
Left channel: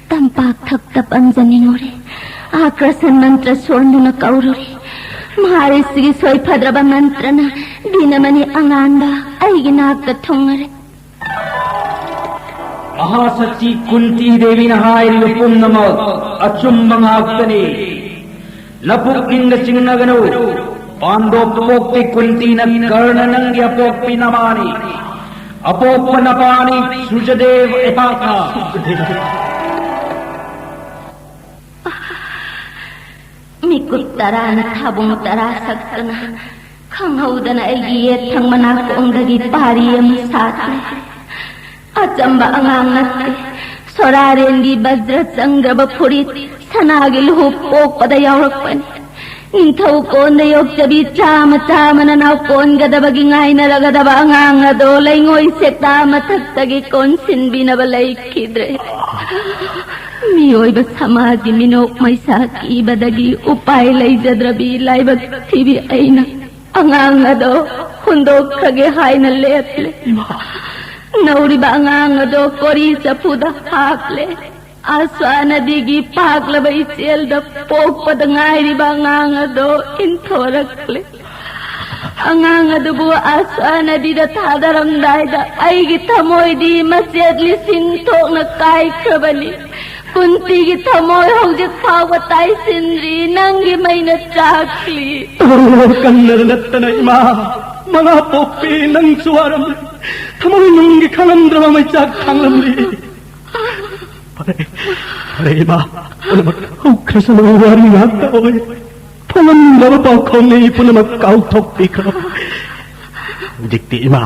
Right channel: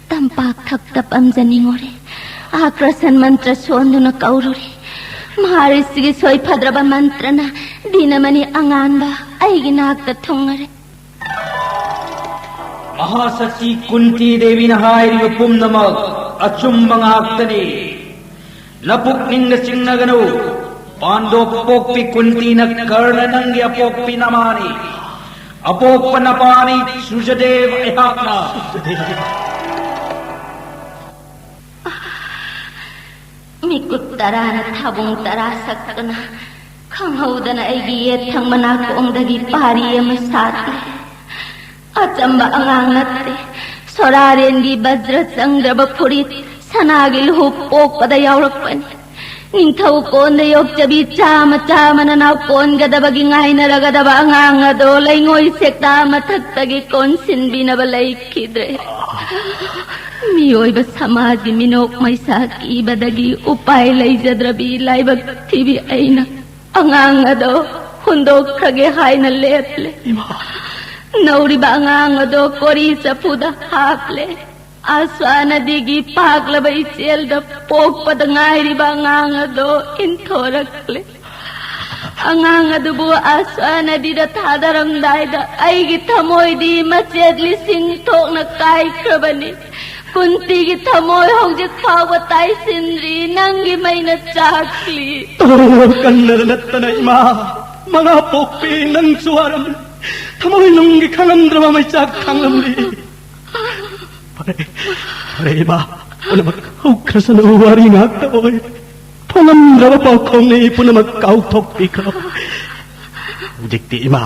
tampak thakta panjaningure akrasan mantra sonduna kaururi maharisigi soy phadraba mantra na dinamani anganda aiginakta thongare Mahasati Kunti Devi na hayri pumnamag achum mga aktani napukning na singnagano Pando Pokpi Kunti na karna nang Pokpi namani apok panapani Surjadev epatna Mikutta tarana tabung tarasakana khanghaudana aigi yethang manakongdagi pari ama satle achamba angang natte sorarengi bajra changraba furit sanagi luhup pokpada yaurakpani ningthau konda yokchabi chama chamana naw kongadabagi ngainaragadaba angang ado laingoi sekta mathaktagi konsinbinaba laikidre miyoiba samagi minok maisa kibadagi upay laijadrabi laibag tibi aina angang ado hundokrage haina leple nauriba angang ado kori sa puda haple aswana digi paglaba iselda pokpada ngairiba angang ado inthorakle angang ado bu aswana dida thadarang daida aigi thamoi di machetli singthokna kai krabani kuntigi thamoi hojik phawa tai sindri nangi maina chakli kannadanattana ima mga pokpi nang suwaram thamoi nungi khangamdrama may chak khanglamli pare ima punamak ukra sa mga wari ngakta oy pangamdrama pa kone punamak kautok ikaw dikti ima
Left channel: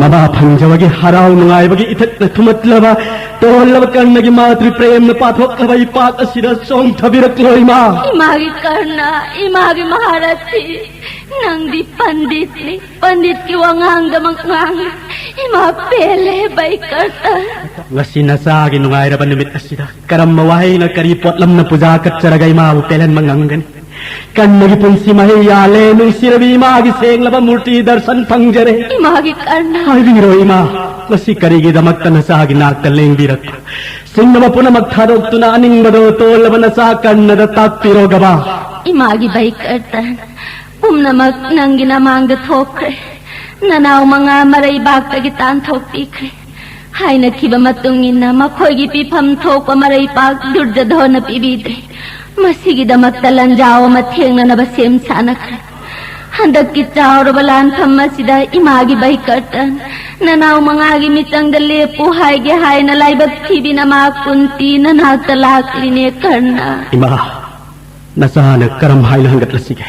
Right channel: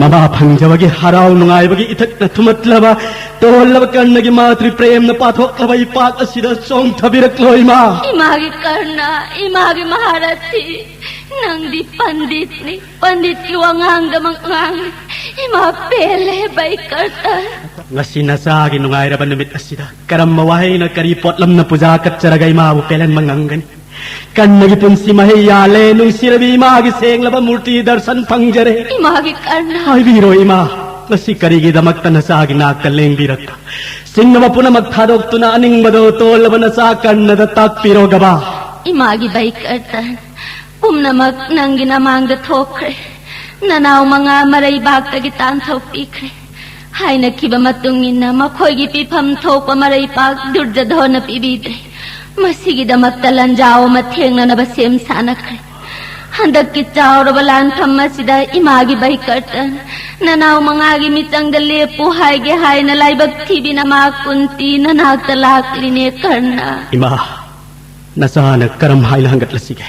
nama pangjawagi haraw nangay itak na tumatlaba tolaba kannagi matri prem na pathoklaba ipak asida song thabiraklo ima imagi karna imagi maharathi nangdi pandit ni pandit ki wangang damangang ima pele bai karta ngasi nasagi nangay raban namit asida karam mawahay na karipot lam na puja katsaragay mabu pelan manganggan kannagi punsi mahiyale nung sirabi imagi senglaba murti darshan pangjare imagi karna ay biro ima ngasi karigi damakta nasagi nakaleng dirat sinama puna magtharok tuna aning nado tolaba nasakan nadatak piro gaba imagi bai karta pumnamak nanggi namang da thokre nanaw mga maray bagtagi tan thokpikre hay nakiba matungin na makoy pipam thok maray pag durdadhona pibidre masigi damak talanjaw matheng na nabasem sanakre handak ki chawra balan thamma sida imagi bai kartan nanaw mangagi mitang dale puhay ge hay na laibag tibi na makunti na nagtalak line karna ima nasana karam hay na hanggat lasige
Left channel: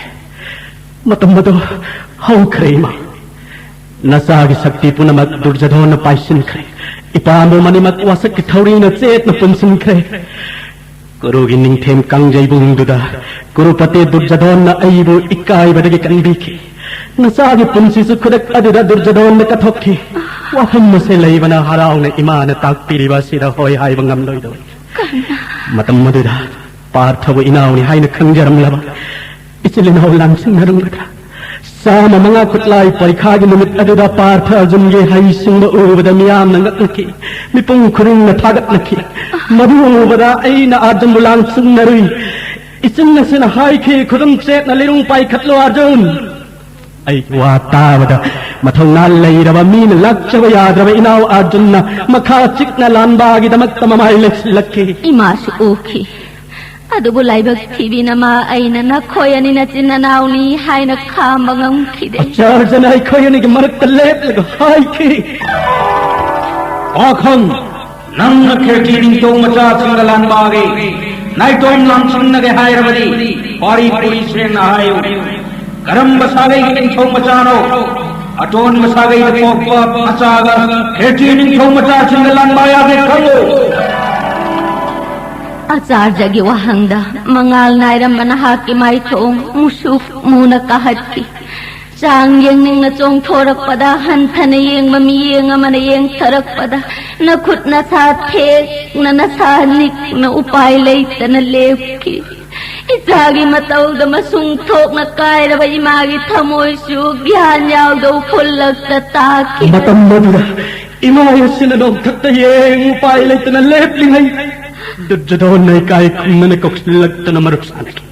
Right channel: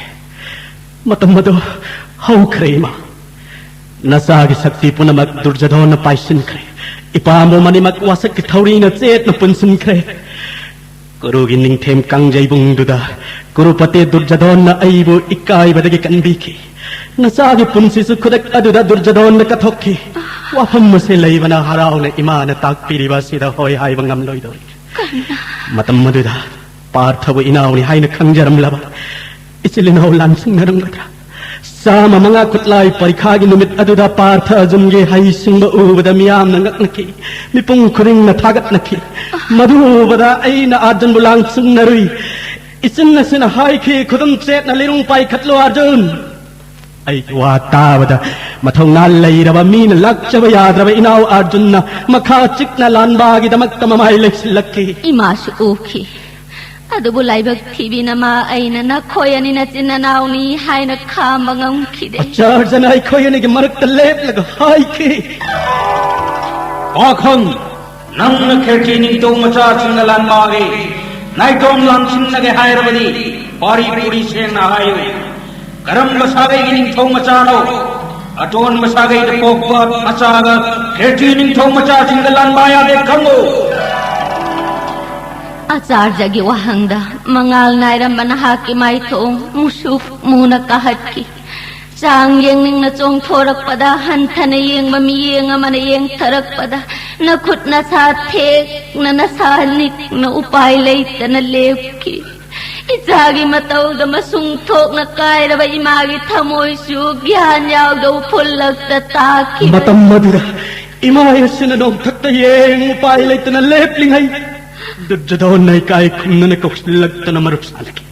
matamado haw kre ima nasagi sakti puna mag durjadhona paisin kre ipamo manimak wasak ki thawri na chet na punsin kre Guru gining them kangjay bungduda Guru pate durjadon na aibu ikai badagi kanbiki Nasagi punsi sukudak aduda durjadon na kathokki Waham masilay bana haraw na imana takpiri basida hoy hay bangam loy doy Matam maduda parthabu inaw ni hay na kangjaram laba Isilinaw lamsing narang laka Sama mga kutlay parikagi numit aduda partha azumge hay singba ubada miyam na ngaklaki Mipung kuring na tagat laki Madu ubada ay na arjun bulang sung narui Isin na sinahay ki kudum set na lirung pay katlo arjun Ay wata bada matang nalay raba min lakchaba yadraba inaw arjun na makachik na lanbagi damat tamamay laki imasu uki adu bulay bag tibi na ma ay na nakoyani na sinanaw ni hay na kamangang kide Charjan ay koyani ki marak talep laga hay ki Pakhang nang nakirtining to macha singalan bagi nai tom lam singnage hayrabadi pari puri sen hayu karam masagai gining to macha no aton masagai de pokpa masaga kirtining to macha singalan baya dekhalo Acharya gi wahangda mangal naira manahaki mai thong musuk muna kahatki Sang yang ning na chong thorak pada hanthana yeng mami yeng amana yeng tharak pada na khut na sa the na nasanik na upay leita na levki Isagi mataw da masung thok na kaira ba imagi thamoy su gyan yaw do phulak ta taki Matam madura imaya sinadong thakta yeng upay leita na lepling hay Durjadon na ikay kung na nakoksilagta na maruksalaki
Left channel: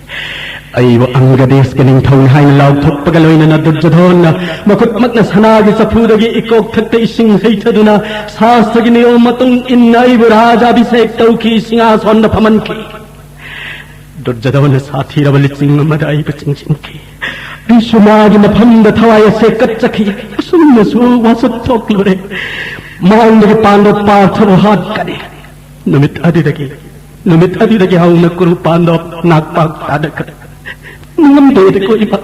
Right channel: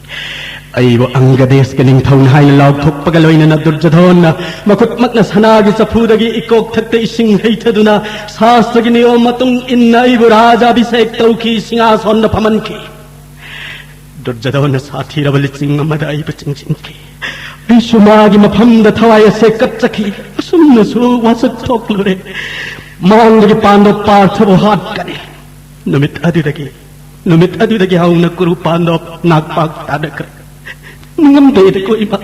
Aywa ang gades kaning taon hay law thok pagaloy na nadurjadon na makutmak na sanagi sa puragi ikok thakta ising haytado na sasagi ni o matong inna aywa raja bisek tawki singason na pamanki Durjadon na sathi rabalitsing maday bachingsingki Rishumagi mapanda thaya se katsaki asum na so wasap thoklore maangdagi pandap parthabu hat kari Numit adidagi haw na kuru pandap nagpag tadakata Nangambeed ko iba.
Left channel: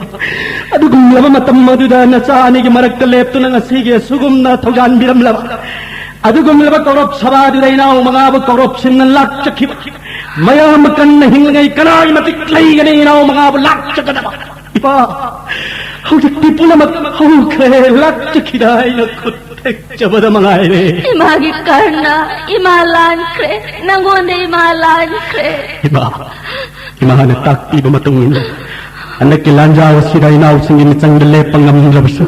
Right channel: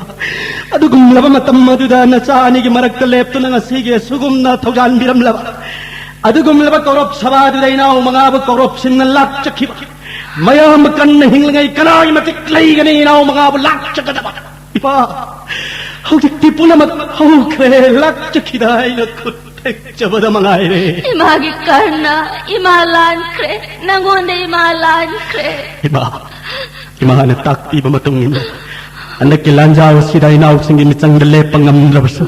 Adugong laba matammaduda na sa anigi maragkalepto na nga sige sugum na togan biram laba. Adugong laba korop sabado day na mga abag korop sinalak cakip. Mayamakan na hinglangay kanay matiklay ganay na mga abag lak cakadaba. Iba. Hujik tipu na maghungkre lak cakiday na kutek jabada mga ere. Imagi karna, imalan kre, nangonde imalan kre. Iba. Imahan takti ba matungin. Anak kilanjaw siday na using imitsang dalepang ng labaso.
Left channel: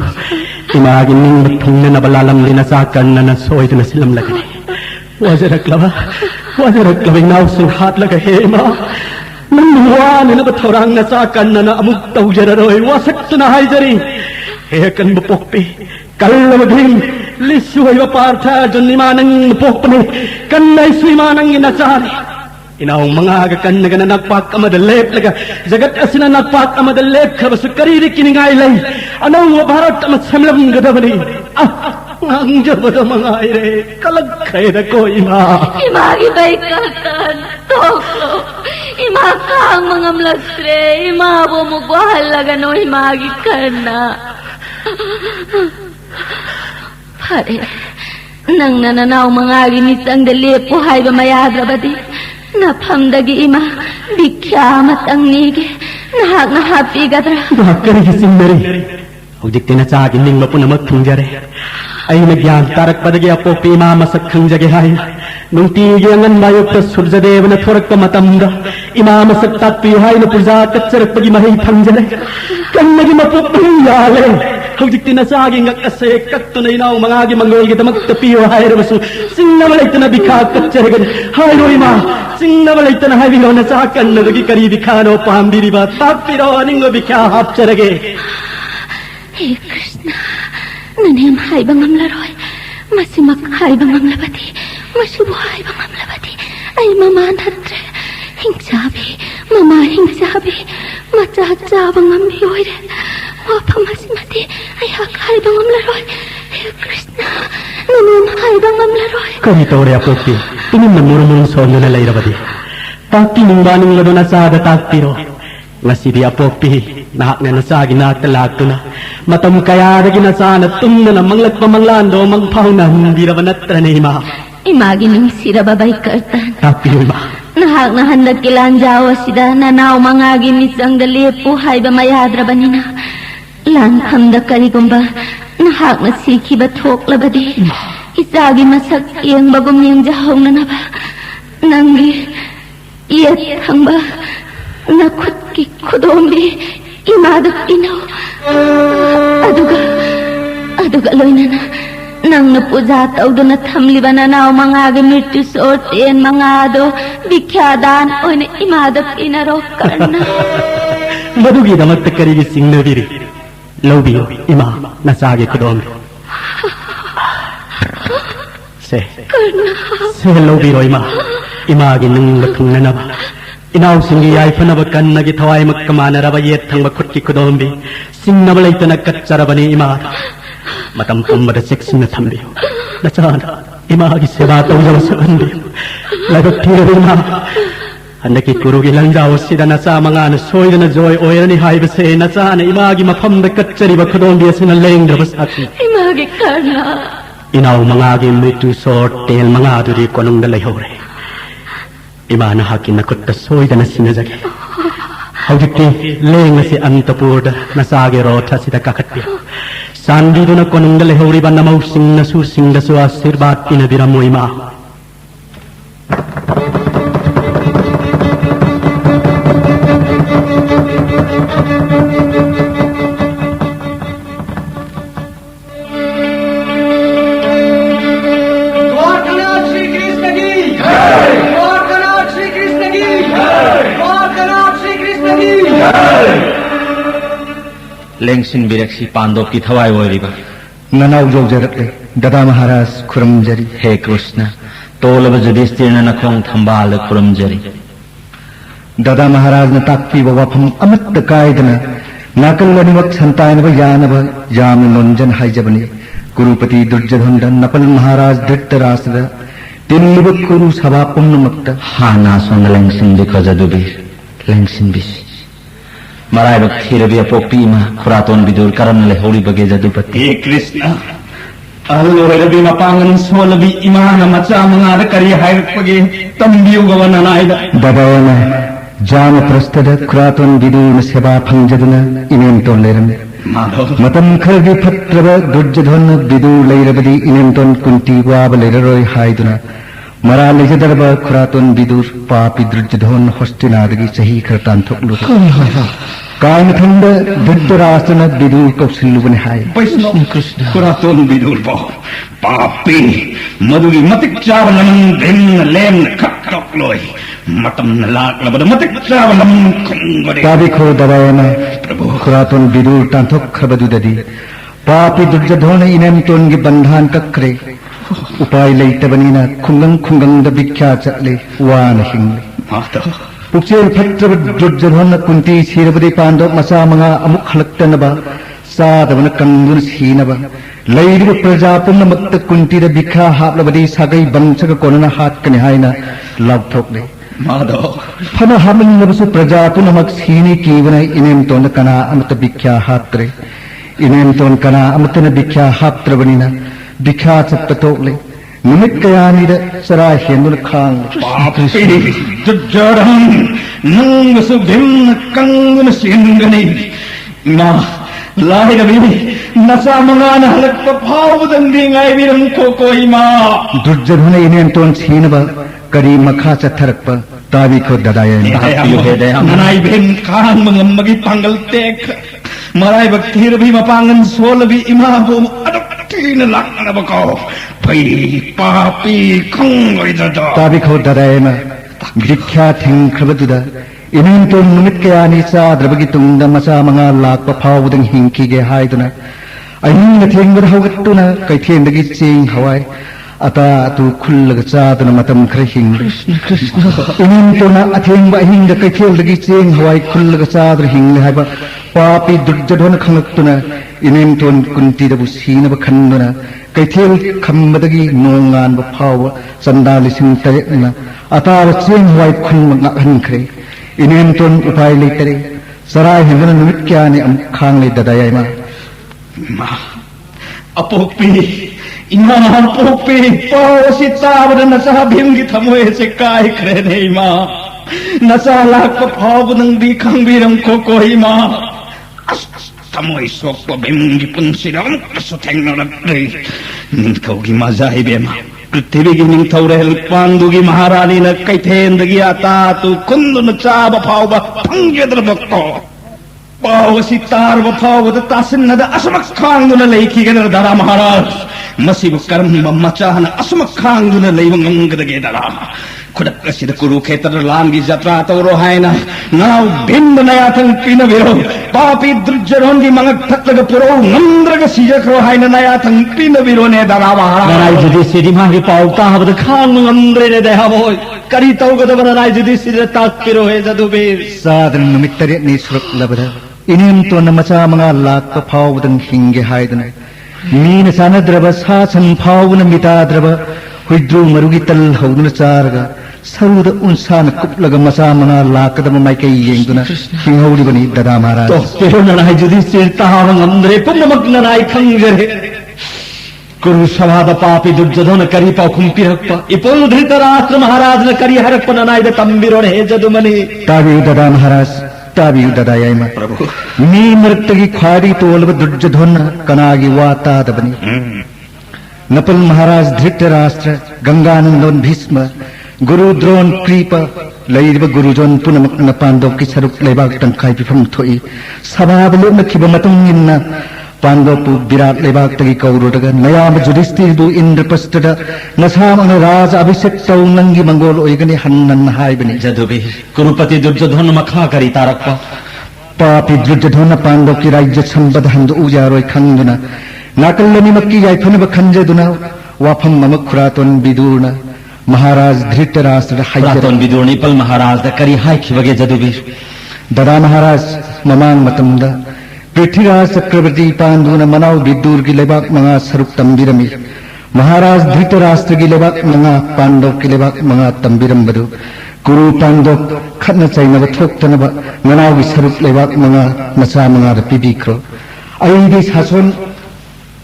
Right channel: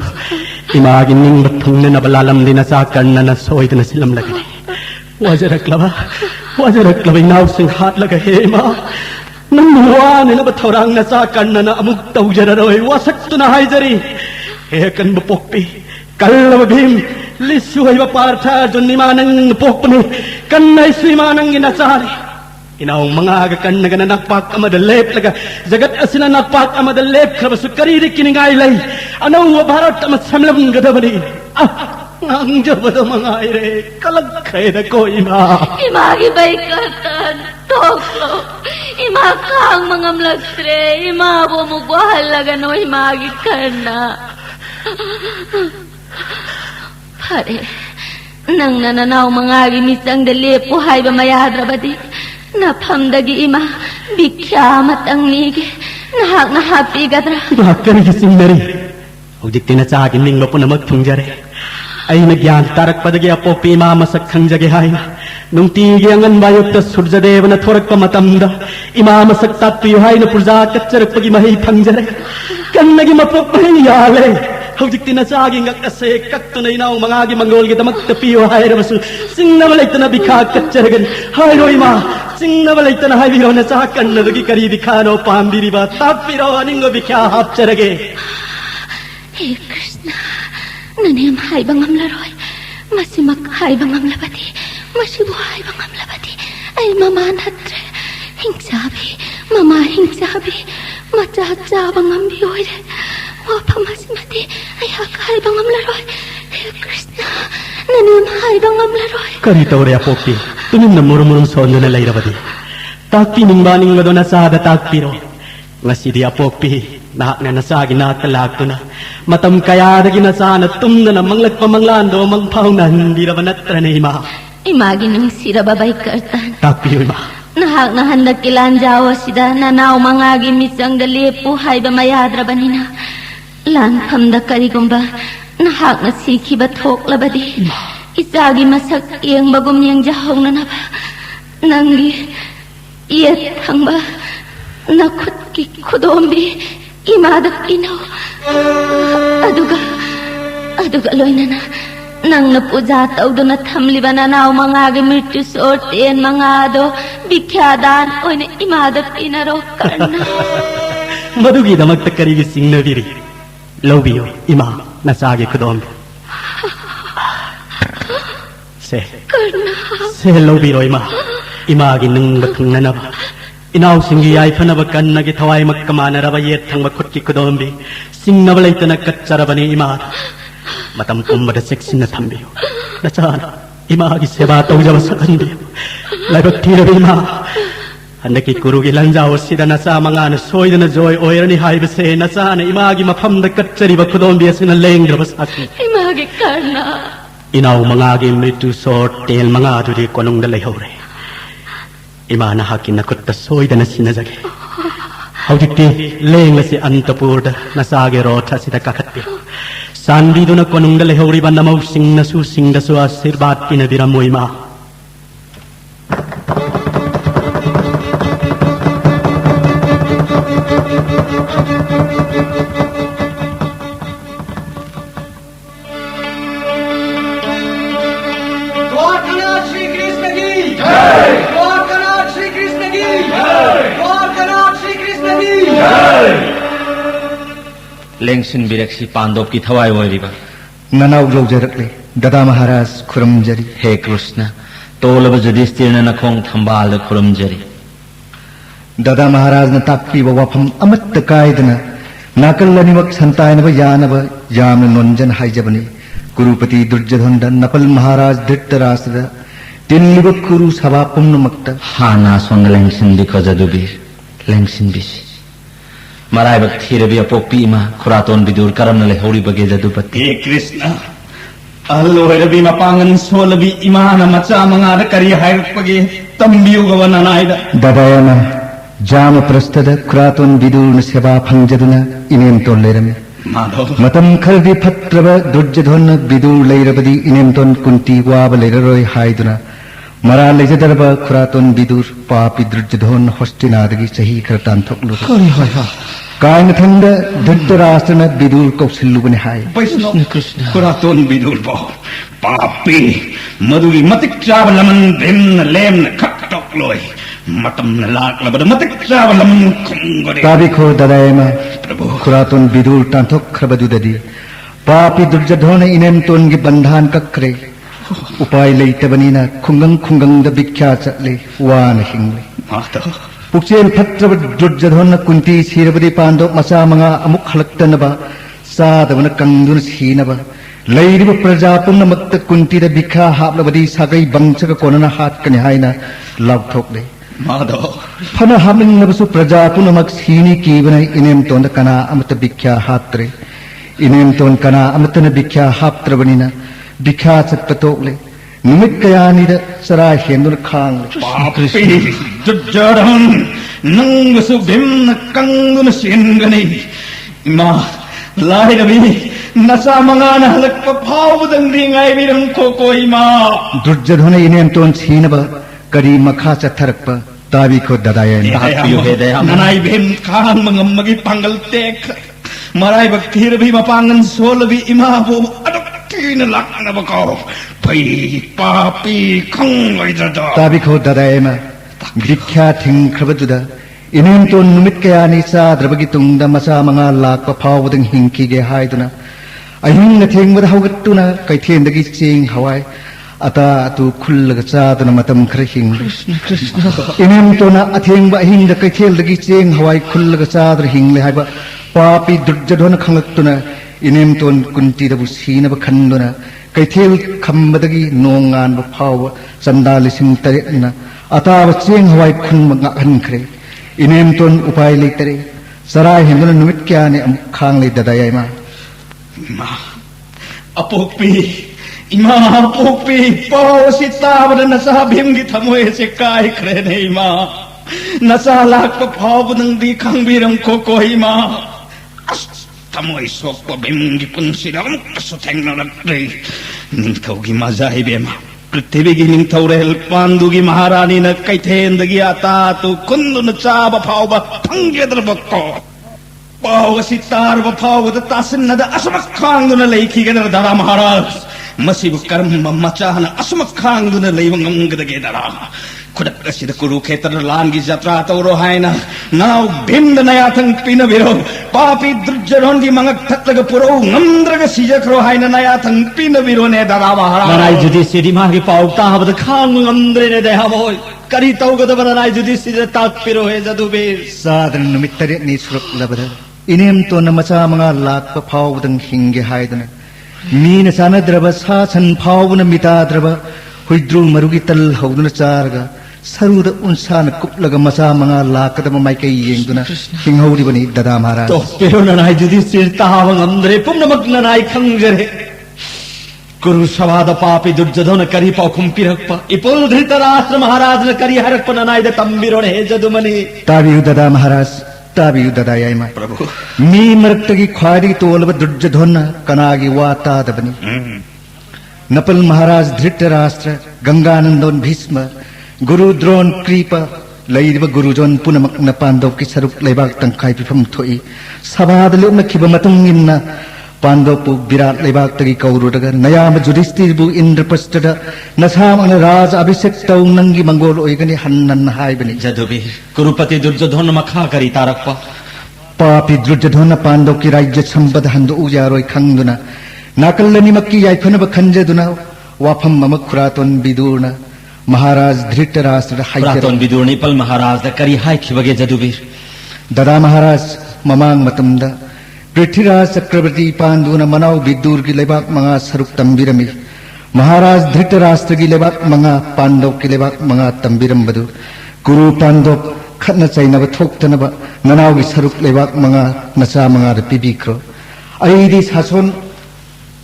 Imagin ning matong na nabalalam linasakan na nasoy na silam lagay. Wajarak laba na using hat lagay ma. Nang nawa na batorang nasakan na naamug taw jararoy. Wasak na hayjari. Hekan bupokpi. Kalamagim. Lisuay maparta dyan ni manang napokpi. Kanay suy manang inasari. Inaong mga agakan na gananagpak amadalep laga jagat asina nagpak amadalep kabasu kariri kiningaylay anaw wabarat amat samlam gadabani ang jabada mga aire kalagkay na ko ima Imagi baikatan, toklo, imakang mga mlastre, imabo mo guhalaga no imagi karna. Pare, nang nananaw mga aginisang dalip buhay ba mayadra ba di? Napamdagi ima, bikyamat ang nigi, nahapi gadra. Bakari gising meri ujik tinatsakin ning mapuna magpungjare ay nagyan tarak padagi apo pima masakhang jage hay nung tigi ang andayok ta Surjadev na thorak ka matamda imamasak tatpi hay na purja katsarak pagi mahi pangjare kan nagi mapapayale Hujik tinasaging akasay kaktunay na mga agi manggol kita magtapiyo hay rabasu sing namalay ta na bikag katsaragan hay ro ima sing namalay ta na hay biro na sakan na bagi karibikano pambiri ba tapiro aning mabikya hapsarage Hey Krishna, nanayam hay bangam laroy, masimak hay bangam labati, masubo hay bangam labati, ay mamanatre, hingsabi, mama hingsabi, machacha bangam biyoyre, wapa masimati, ay hay bangam laroy, Hey Krishna, nanayam hay bangam laroy. Karita ore apoki, tingin manurumurun sondo na layrabadi. Takpi ning baning lado na sada takpiro. Ngasi di apoki, nahak na nasagi na talagto na. Matam kaya na ginasana tum na manglak pamanglando mangpaunan di raban at tranima. Imagi ng sira babay kartan. Takpiro ima. Nahandag kilanjawa sida nanaw mangagin isang dalipo hay ba mayadra ba nina. Langkam da karigumba nahak na siki batok labadi. Isagi masak iyang bagom niyang jahong na naba. Nanggi iyat hamba nakut ki kudombi imadak inaw. Aduga loy na nang napujataw do na tamliba na naw mga gamirtu sorten mga do bikyadan o na imadap inaraw karna. Madugi na magtakarigi sing nabiri. Lobiyo, ima, nasagi kudombi. Se lobiyo ima. Imagi nang lakang nanaba. Inaw singi ay panabakan nagitaway magkamana rabayet ang makutki kudombi. Sing nabalay ta nagkatsarabani ima. Matampang madasik sing natambi. Nasana, imagi sebataw jala sa andi. Lagot tira ima. Andaki kurugi lang jawas sida nasa mga nasoy na joy oira ni haibase nasana imagi mapamdakat ba kudombi asina leng rabasaki. Imagi karna. Inaw mga aging mritu sortel mga aduri ko nung dalayhore. Imana hakin nakut kasoy da na sinajage. Hawdikti leng na si Antapurda nasage rota sida kakatya. Sandi do na ko nung dalayhore ba na mausing nasusing da suwa sirbat pinabira mo ima. Lengsin bireksi Pandov ki thawai wariba. Nanaw jaujarakle, Dada Maharaj kuramjari. He Krishna, tolaba Yudhishthira na nakong thambal kuramjari. Dada Maharaj na takpi wawapam amat kaidana. Nakalaniwat santayanaba yanaba yami nonjan haijabani. Gurupati Durjadhanda Napal Maharaj Dhritarashtra. Tinlibat kuru sabapum namakta. Hana son lengsin dukha jadubir. Lengsin bish. मराइबक थीरबी अपोक्पी इमा खुरातोन बिदुर करम ले हौरी बगे जदुपति हे कृष्ण अल्लोरबी मपांगन सोलबी इमान मचा मंगाद करी हायपगे तंबियु गवन नाइबा ददायना जाम प्रस्तद खुरातोन बिदुर सेवा फंजदुना इनेम तोन लेरम मतम खरबी फत्रब दुर्जधन बिदुर लेरबदी इनेम तोन कुंती वाब लेररोय हायदुना मरा लेजदरब खुरातोन बिदुर पापी दुर्जधन हस्तिनादगी सही खरतान थोकलु कायम थंड धृतराष्ट्र न बिदुर कौशल्युबने हाय वैष्णव कृष्ण खुरातोन बिदुर बो पापी मधुरी मतिक चावलमन भिन्न लेम खटक लोय मतम न लाक लबद मतिक चावलम खंगरे ताबिखो ददायम प्रभु खुरातोन बिदुर तांथोक खबदुददी पापी दुर्जधन इनेम तोनगी बंधान कक्रे उपाय लेतबनीना खुंगंग खुंगंग द बिख्या चले वान हिंगले माता पुक्सेल फत्रब दुर्जधन कुंती सीरबदी पांडव मसा मंगा अमुक हलक्तनबा सादवन कंगुन सीनबा लैरिब प्रजा पुनमक्त कुंती द बिखा हाबलबदी सागै बंचक कोनना हात कने हायना लावथोकले माधव फन हामलनबसु प्रजा पुनमक सीनी कीवन इनेम तोन कना अमत बिख्या हात्रे इनेम तोन कना अमतन बिख्या हात्रबनीना बिख्या चत्तोकले निमित कयानिद सरा हेंदुन खांग पापी जुज्जरं नंग सुभिन्न कंगुन सिंगनी मा लाहिरबी नसा मंगान हलक भाव दंदी ngai विरम कोई मा दुर्जधन इनेम तोन छीनबा करी मखा चथरक तावी को ददायन ननाई भिन खान मंगमगी पंगल टेक मराई बक्तीर भी मपांगन सोल भी इमा वो अडकीन लाकन बको भई पापी खंगई ददा तावी को ददायन बिख्या थिंग खबदुदा इनेम तोन निमित कयानि सा द्रबगी तुंग मसा मंगा लाक फावदंग हिंकी गे हायदुना अहिंग थेंगद हवगतुना कैथेंदगी चेंग हवाय अता तु खुल्लग चादन मतम खर हिंग इनेम तोना अथेंग अहिंग कैथेलदगी चेंग हवाय खुल्लग चादर हिंग हायबा पापी दुर्जधन खंगतुना इनेम तोन कुंती दबु सीनब खंदना कैथेल खंबदगी नोंगान ब फाव चंदा लिसिंग तरेना अताव चेंग हवाय खुंग हनखरे इनेम तोन उपाय लेतरे सराय हिंगन निमित क्याने अम खांगले ददायना मा अपोपी इमा अपोपी पोसी तावद नसा भिंगी थमोए से काय खरे नहीं मा नसा लाक फाव नंदी खंगबिरम को इमा थमोए सोक भिंगी पुंसिरम कसु थेंगनलक्ते निंथौगी मजाई बेमा पृथ्वीगी निंथौरेल पांडुगी महारानी न कैथेंदगी आता तु कुंदन चाब फाव फंगेद्रबको पावसी तार फाव तासनद असमक खांगुन लेखिगन दरा महाराज मसिब कर्म मचाहन असमक खांगुन लेव ngangdage dara खुदक असिद कुरुक्षेत्र लांगी जत्रा तौरो हायना नाव भिन्न नया थंग पिनो बिरो पापी दुर्जधनगी मंगक थकलग पुरो नंद्रग सिजक्रो हायना नया थंग पिनो बिरो ने दरा महाराज ननाई जुदी सिदी माही पाव ताहबद खांग नंद्रे ने देहाबोय करी तौगद ननाई जुदी सिदे ताक पिरो हे जदुबीर सादन निमित्तरे नि सुरक लबद इनेम तो नमसा मंगा लाक फावदन हिंगे हायदना मीन सानद्रब सा सन फावन मिताद्रब हुइद्रु मरुगी तल हौदन चारगा सरुद उनसान कुपलग मसा मंगा लाकदम माइके येंगदना हिंगौरी बनी ददा महाराज तो पिरो ननाई जुदी सिर ताहवंग अंद्रे पुनमक ननाई खंगरे कुरु सवाद पापी दुर्जधन करी पाव खुंपिरक्प इपोल धृतराष्ट्र महाराज न करी हरक्प ननाई द तंबिरो ने जदुमनी तावी ददा महाराज तावी ददायमा प्रभु मी मृतगी खाड़ी तोलब दुर्जधन कनागी वाता दबनी नपल महाराज धृतराष्ट्र गंगानंदन भीष्म गुरु द्रोण कृप लैरिब गुरुजोन पुनमक न पांडव की सरुक लेबाक तंखाई पिफम थोई सबाद लेमखिब मतुंग इन्ना पांडव पु विराट लेबाक तगी कौरुडग नयाम जुधिष्ठिरबु इंद्रप्रस्थद नसाम राज अभिषेक तौ नंगी मंगोल ओइगनि हन्नन हायबनि जदुबी कुरुपति दुर्जधन मखा करी तारक्प पापी दुर्जधन पांडव की राज्य संबद हंद उजारोय खंगना नाकल्लनि मक्की याइफनब खंजदुना वाफम मम खुरातोन बिदुना महाराज धृतराष्ट्र खुरातोन बिदुर निपल महाराज द करी हाय खिबगे जदुबीर ददा महाराज ममांग मतमदा पृथ्वीराज चक्रवर्ती पांडुन मनाव बिदुर की लेबाक मंगा सरुक तंबिरमी महाराज धृतराष्ट्र की लेबाक मंगा पांडव की लेबाक मंगा तंबिरम बदु Guru Pandok Katna Chainaba Thoktanaba Manawi Sarup Lewak Manga Macha Manga Pibikro Aidi Sason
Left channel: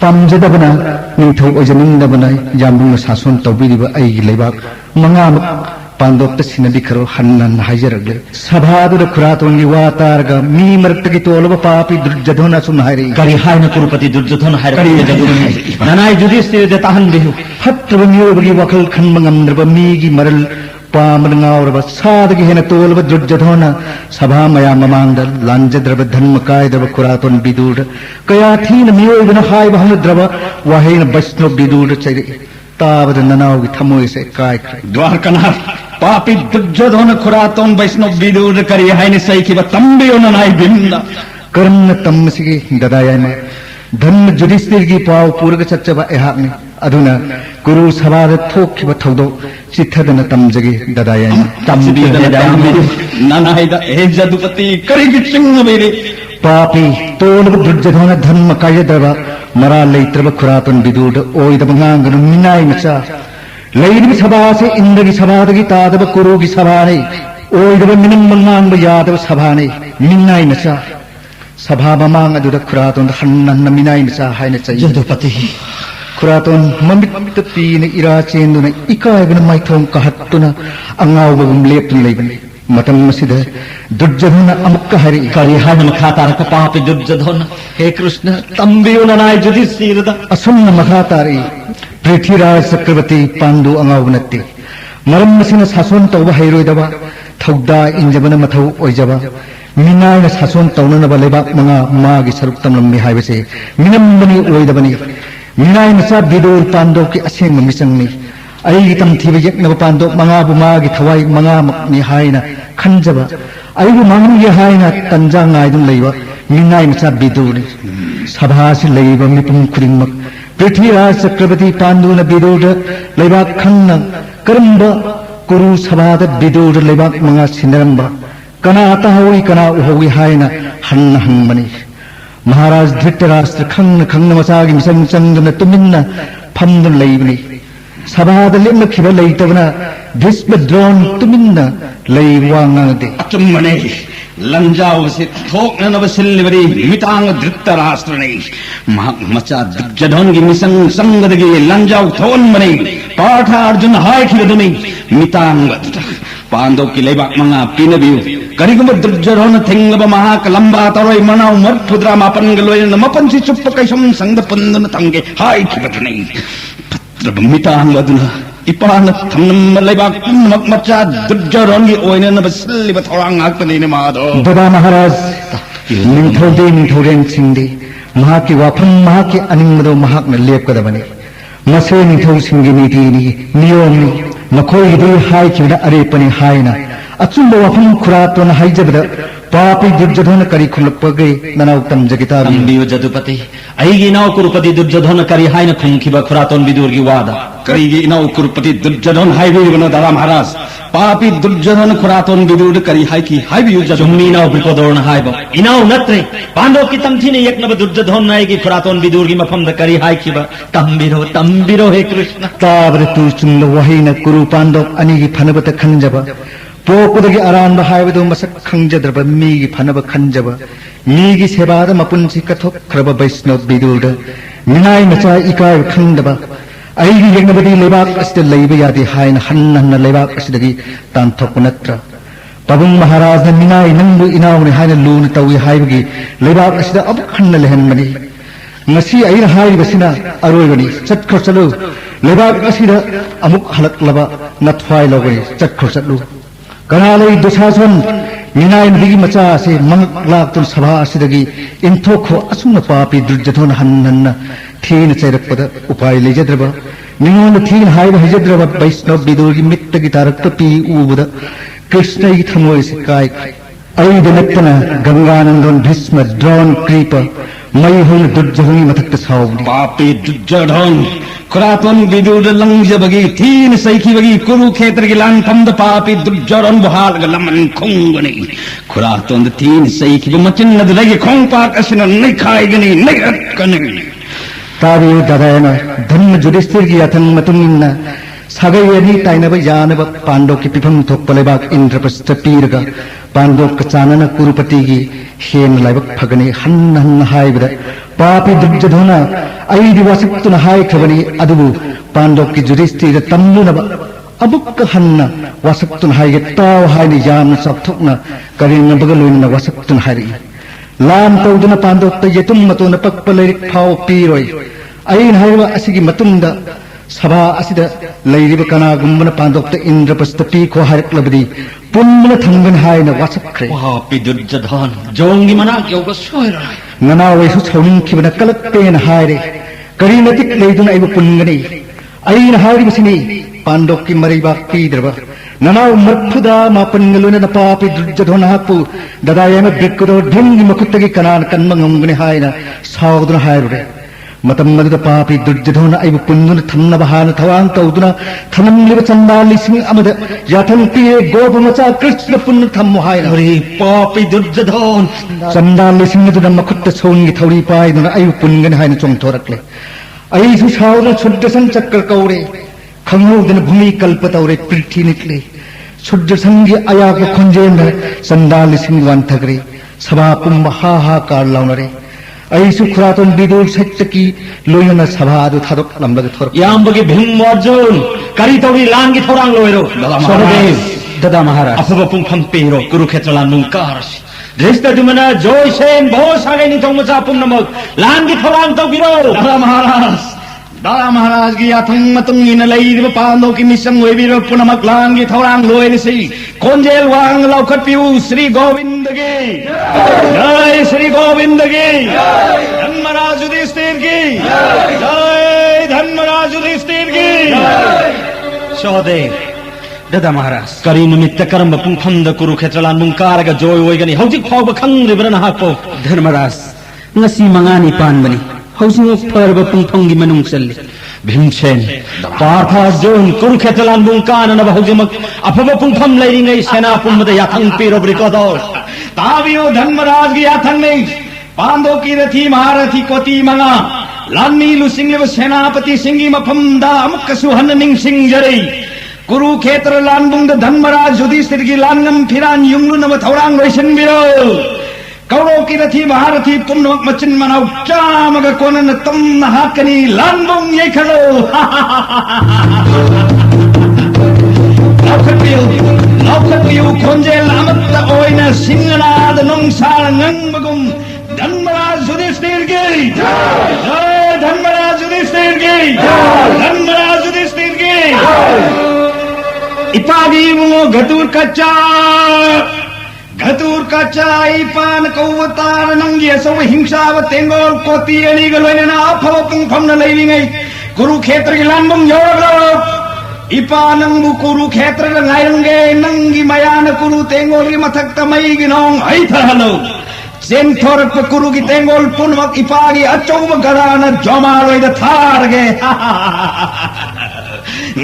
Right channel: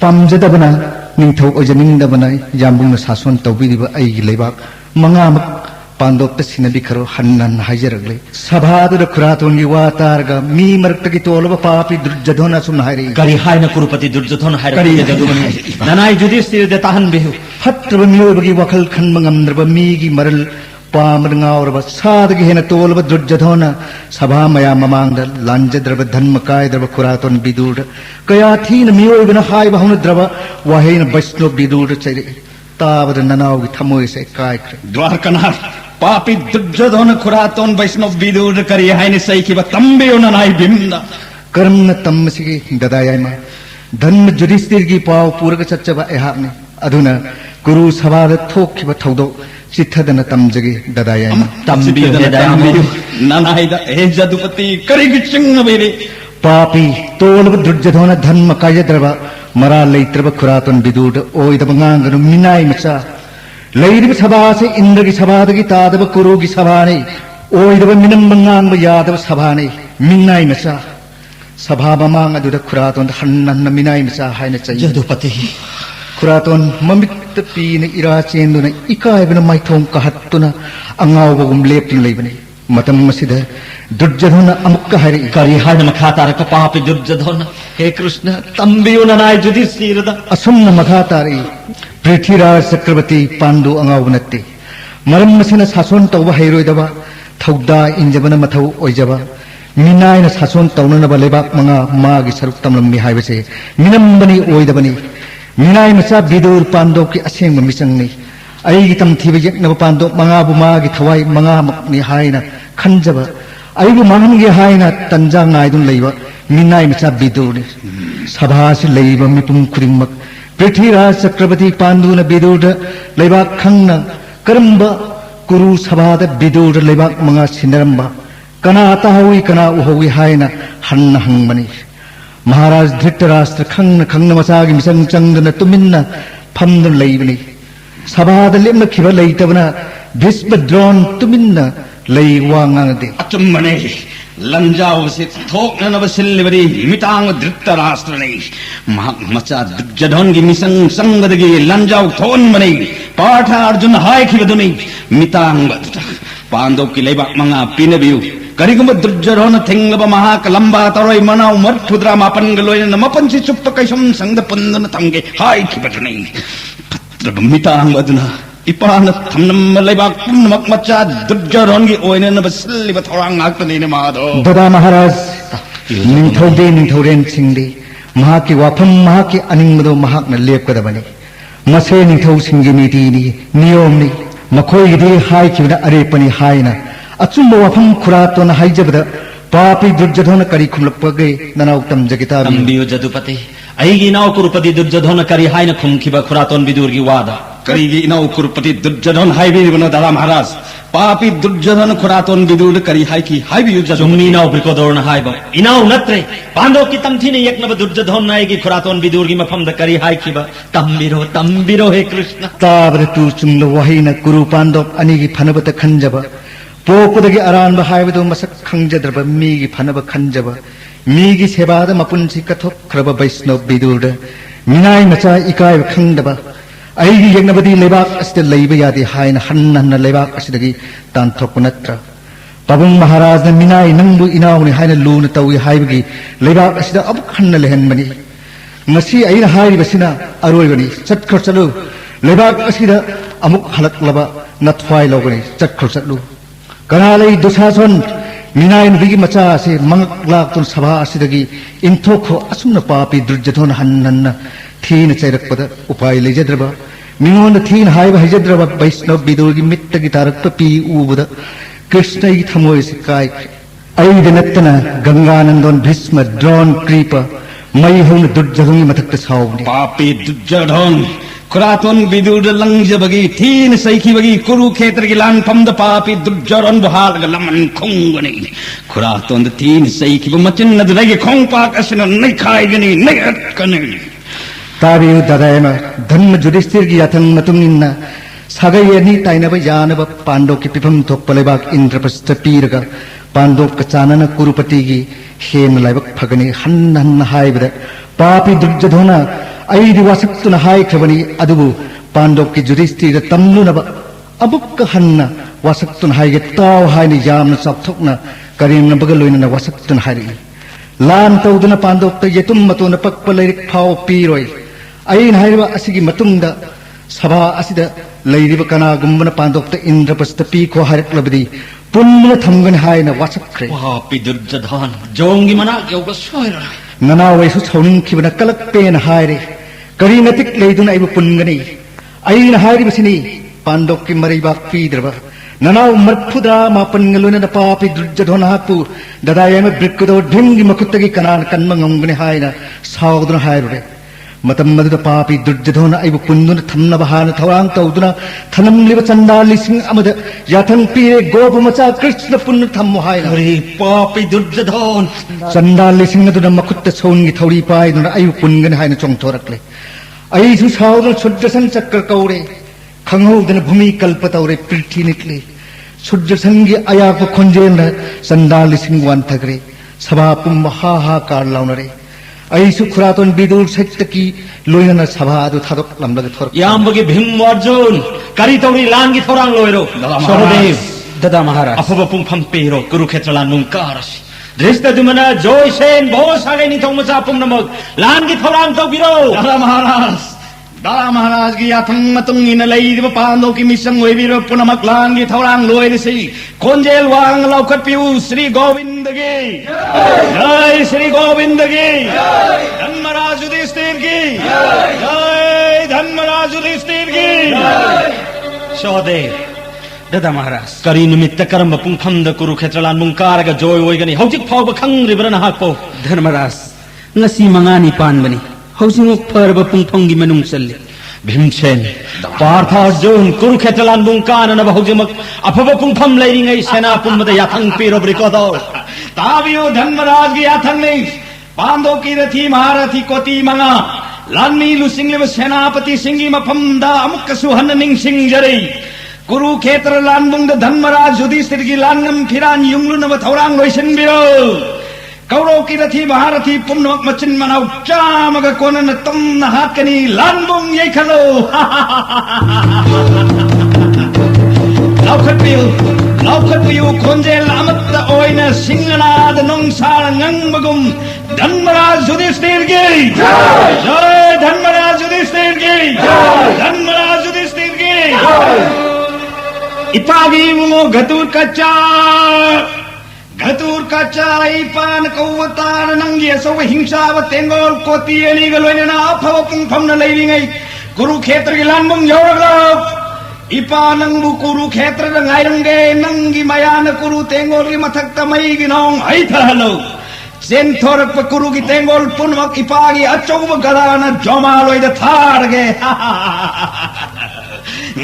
Pamjadabana Ningthok Ojanindabana Jambung Sason Tobiriba Ai Lewak Manga Pandok Sinabikro Hanan Hajaragler Sabhadu Kuraton Yuwatarga Mi Martaki Tolaba Papi Durjadhona Sumhari Kari haina kurupati Duryodhana haira jadumani nanai Yudhishthira de tahan bihu Hatra Miyobagi Wakal Kanmangamdraba Migi Maral Pamangauraba Sadagi Hena Tolaba Durjadhona Sabha Maya Mamanda Lanjadraba Dhanmakai Draba Kuraton Bidur Kayatin Miyobana Hai Bahamudraba Wahina Vaisno Bidur Chari Tabad Nanau Thamoise Kai Dwarkanath Papi Duryodhana Kuraton Vaisnav Vidur kari haina saikiba tambiyo nanai bimda Karna Tamsigi Dadayana Dhan Yudhishthirgi Pau Purga Chachaba Ehakni Aduna Guru Sabhada Thokiba Thodo Chithadana Tamjagi Dadayana tambiyo dadambiyo nanai da jadupati kari gichinga bere Papi Tolaba Durjadhana Dhanma Kayadraba Mara Leitraba Kuraton Bidur Oidabanganga Minai Macha Lady Sabase Indagi Sabadagi Tadaba Kurugi Sabani Oidaba Minamanga Yadava Sabani Minai Macha Sabhaba Manga Duda Kuraton Hanan Minai Macha Hainacha jadupati Kuraton Mamit the Pin Ira Chenduna Ika Even my tongue Kahatuna Angavum Lepin Leven Matam Masida Durjadhana Amukahari kari haina khataraka papi Duryodhana he Krishna tambiyo nanai Yudhishthira Asumna Makhatari Prithviraj Chakravarti Pandu Angavunatti Maram Masina Sason Tauba Hairoidaba Thauda Injabana Mathau Oijaba Minaina Sason Taunanaba Lebak Manga Magi Saruktam Lammi Haibase Minambani Oidabani Minai Masa Bidur Pando Ki Aseng Misangni Ai Tam Thiba Yaknaba Pando Manga Bumagi Thawai Manga Makni Haina Khanjaba Ai Mangi Haina Tanja Naidun Leiba Minai Masa Bidur Sabhasi Leiba Mipum Kuringmak Prithviraj Chakravarti Panduna Biduda Lebak Khanna Karamba Guru Sabhada Biduda Lebak Manga Sinaramba Kana Tahawi Kana Uhawi Haina Hanna Hangmani Maharaj Dhritarashtra Khanna Khanna Masagi Misam Chandana Tuminna Pandan Leibani Sabhada Limna Kiva Leitabana Bhisma Drawn Tuminna Leiwangade atumane lanjao se thokna vasilibari mitang Dhritarashtrane macha Duryodhana misang sangadagi lanjao thon mane Partha Arjuna hai khidani mitang Pandav ki leibak manga pinabiu kariguma Duryodhana thengaba mahakalamba taroi manau marthudra mapan galoina mapan si chuppa kaisam sangda pandana tange hai khidani patra mitang aduna Ipana Thanam Lebak Macha Duryodhana Oina Vasiliba Thorang Akani Mado Dada Maharaj Ningthode Ningthoden Singde Mahaki Wapam Mahaki Animado Mahakna Lepkadabani Mase Ningtho Singi Nitini Niyomni Makoi Gidu Haikina Arepani Haina Atsumba Wapam Kuraton Haijabada Papi Duryodhana Karikulapage Nanautam Jagita tambiyo jadupati aigi nau kurupati Duryodhana kari haina khumkiba Kuraton Vidurgi wada karigi nau kurupati Duryodhana haibirigano Dada Maharaj papi Duryodhana Kuraton Vidur kari haiki haibiyu jumni nau bikodorna haiba inau natre Pandov ki tamthine yaknaba Duryodhana aigi Kuraton Vidurgi mafamda kari haikiba tambiro he Krishna Tabratu Chumla Wahina Guru Pandok Anigi Panabata Khanjaba Pokudagi Aranda Haividu Masak Khanjadraba Migi Panaba Khanjaba Migi Sebada Mapunsi Kathok Kraba Vaisnav Bidurda Minai Macha Ikai Khandaba Aigi Yagnabadi Lebak Asda Leibiyadi Haina Hanna Lebak Asdagi Tantokunatra Pabung Maharaj Minai Nandu Inauni Haina Luna Tawi Haibagi Lebak Asda Abukhanna Lehenmani Masi Aina Haibasina Aroivani Chatkosalu Lebak Asida Amuk Halak Laba Nathwai Logani Chatkosalu Kanalai Dusason Minai Nigi Macha se Mangak Laktun Sabha Asidagi Intoko Asuna Papi Duryodhana Hanna Teen Cherakpada Upai Lejadraba Mingon the Teen Haiva Hajadraba Vaisnav Vidurgi Mittagi Tarakpapi Ubuda Krishna Ithamoy Sakai Aida Natana Ganganandan Bhisma Drawn Creeper Maihun Duryodhana Matak Sauni papi Duryodhana Kuraton Vidurda langjabagi teen saikibagi Kurukshetra lan tamda papi Duryodhana bahal galaman khongani Kuraton the teen saikiba machinna dagi khongpak asina nai khaigani nai atkani Tabi Dadayana Dhanna Yudhishthirgi Athan Matumina sagai ani tainaba yanaba pando ki pifam thokpa lebak indraprastha piraga pando kachanana kurupati gi hen laibak phagani han haibada papi duryodhana aidi wasaktuna hai khabani adubu pando ki judhisthira tamlunaba abukka hanna wasaktuna haige taw haini yamna sapthokna karinga bagaloina wasaktuna hari lam tawduna pando ta yetum matuna pakpa leirik phau piroi ain haiwa asigi matunda sabha asida leiriba kana gumbana pando ta indraprastha pi ko harik labadi punna thamgan haina wasakkre papi duryodhan jongi manak yoga soira ngana waisu thauning khibana kalak pen haire karina tik leiduna aibu pungani aina hairi bisini pando ki mariba pidraba nana marphuda mapan ngaluna na papi duryodhana hapu dadayama brikdo dhingi makuttagi kanan kanmangongni haina sawduna haire matam nadu papi duryodhana aibu punguna thamna bahana thawang tawduna thanam liba chandali sing amada yathang piye gobu macha krishna punna thammo haina ori papi duryodhan chandali sing nadu makutta songi thawri paiduna aibu pungana haina chongthorakle aisu sawduna suddasan chakkar kaure khanghodana bhumi kalpataure pilthi nikle suddasangi ayaka khonjena chandali sing wan thagre sabha pumba ha ha kar launare aisu khuraton bidur sattaki loyana sabha adu thadok lamlaga thor yambagi bhim arjun kari tawri langi thorang loiro Sahadev, Dada Maharaj. afaba pumpham pero kurukshetra lan nung karas drista dumana joy sen bo sagai ni thong macha pum namak langi thorang to biro Dara Maharaj gi athang matung ina lai di pando ki misang we biro punamak langi thorang loy ni si konjel wang laukat piu Sri Govind gi jai Sri Govind gi Dhanmaraj Yudhishthir gi jai Dhanmaraj Yudhishthir gi Sahadev, Dada Maharaj. kari nimitta karamba pumpham kurukshetra lan nung karaga joy oigani hautik phauba khangribrana hapo Dharmaraj, ngasi mangani panbani. Hausing parba pungpanggi manung salli. Bhimsen Partha Arjun Kurukshetra lan nung kana na bahujumak afaba pumpham leiringai sena pummada yathang pero brikodor taviyo Dhanmaraj gi yathang nei pando ki rathi maharathi koti manga lanmi lusingliba senapati singi mafam da amukkasu hanning singjari Kurukshetra lan nung da Dhanmaraj Yudhishthir gi lannam phiran yunglu nama thaurang loisin biro Kauro ki rathi maharathi punnak machin manau chamaga konan tamna hakani landung yekhalo Laukapiu konjel amatta oina singana da nongsar nangmagum Dhanmaraj Yudhishthir gi jai Dhanmaraj Yudhishthir gi Dhanmaraj Yudhishthir gi ipagi mo gatur kacha Gatur kaca ipan kauwatar nanggi asawa hingsa wa tengol koti ani galoina na aphawa pungpham na leiringai Kurukshetra gi lanbung yoragro ipanang bu Kurukshetra ga ngairange nangi mayana kuru tengol gi mathak tamai gi nong aitha halo senthor pa kuru gi tengol punmak ipagi achoma garana jomaloi da tharge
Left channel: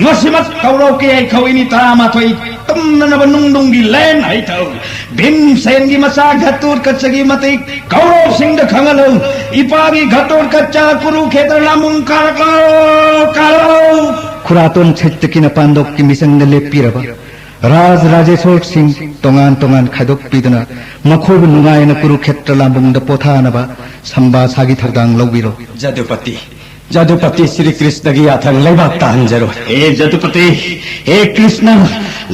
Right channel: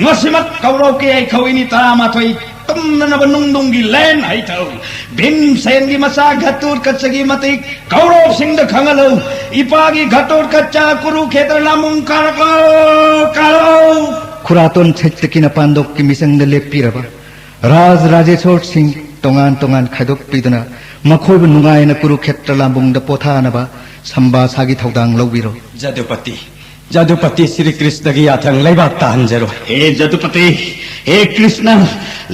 ngasimak kauro ki ai khawini tama thoi tumna na banung gi len ai thau bim sen gi masa gatur kachagi mati kauro sing da khangalo ipagi gatur kacha Kurukshetra lamung kalao khuraton chettakina pandok ki misang na lepiraba raj rajeshwar singh tongan tongan khaidok piduna makhobu nungaina Kurukshetra lambung da pothanaba samba sagi thaudang lawbiro Jadupati Sri Krishna gi athang leiba tanjaro Jadupati Krishna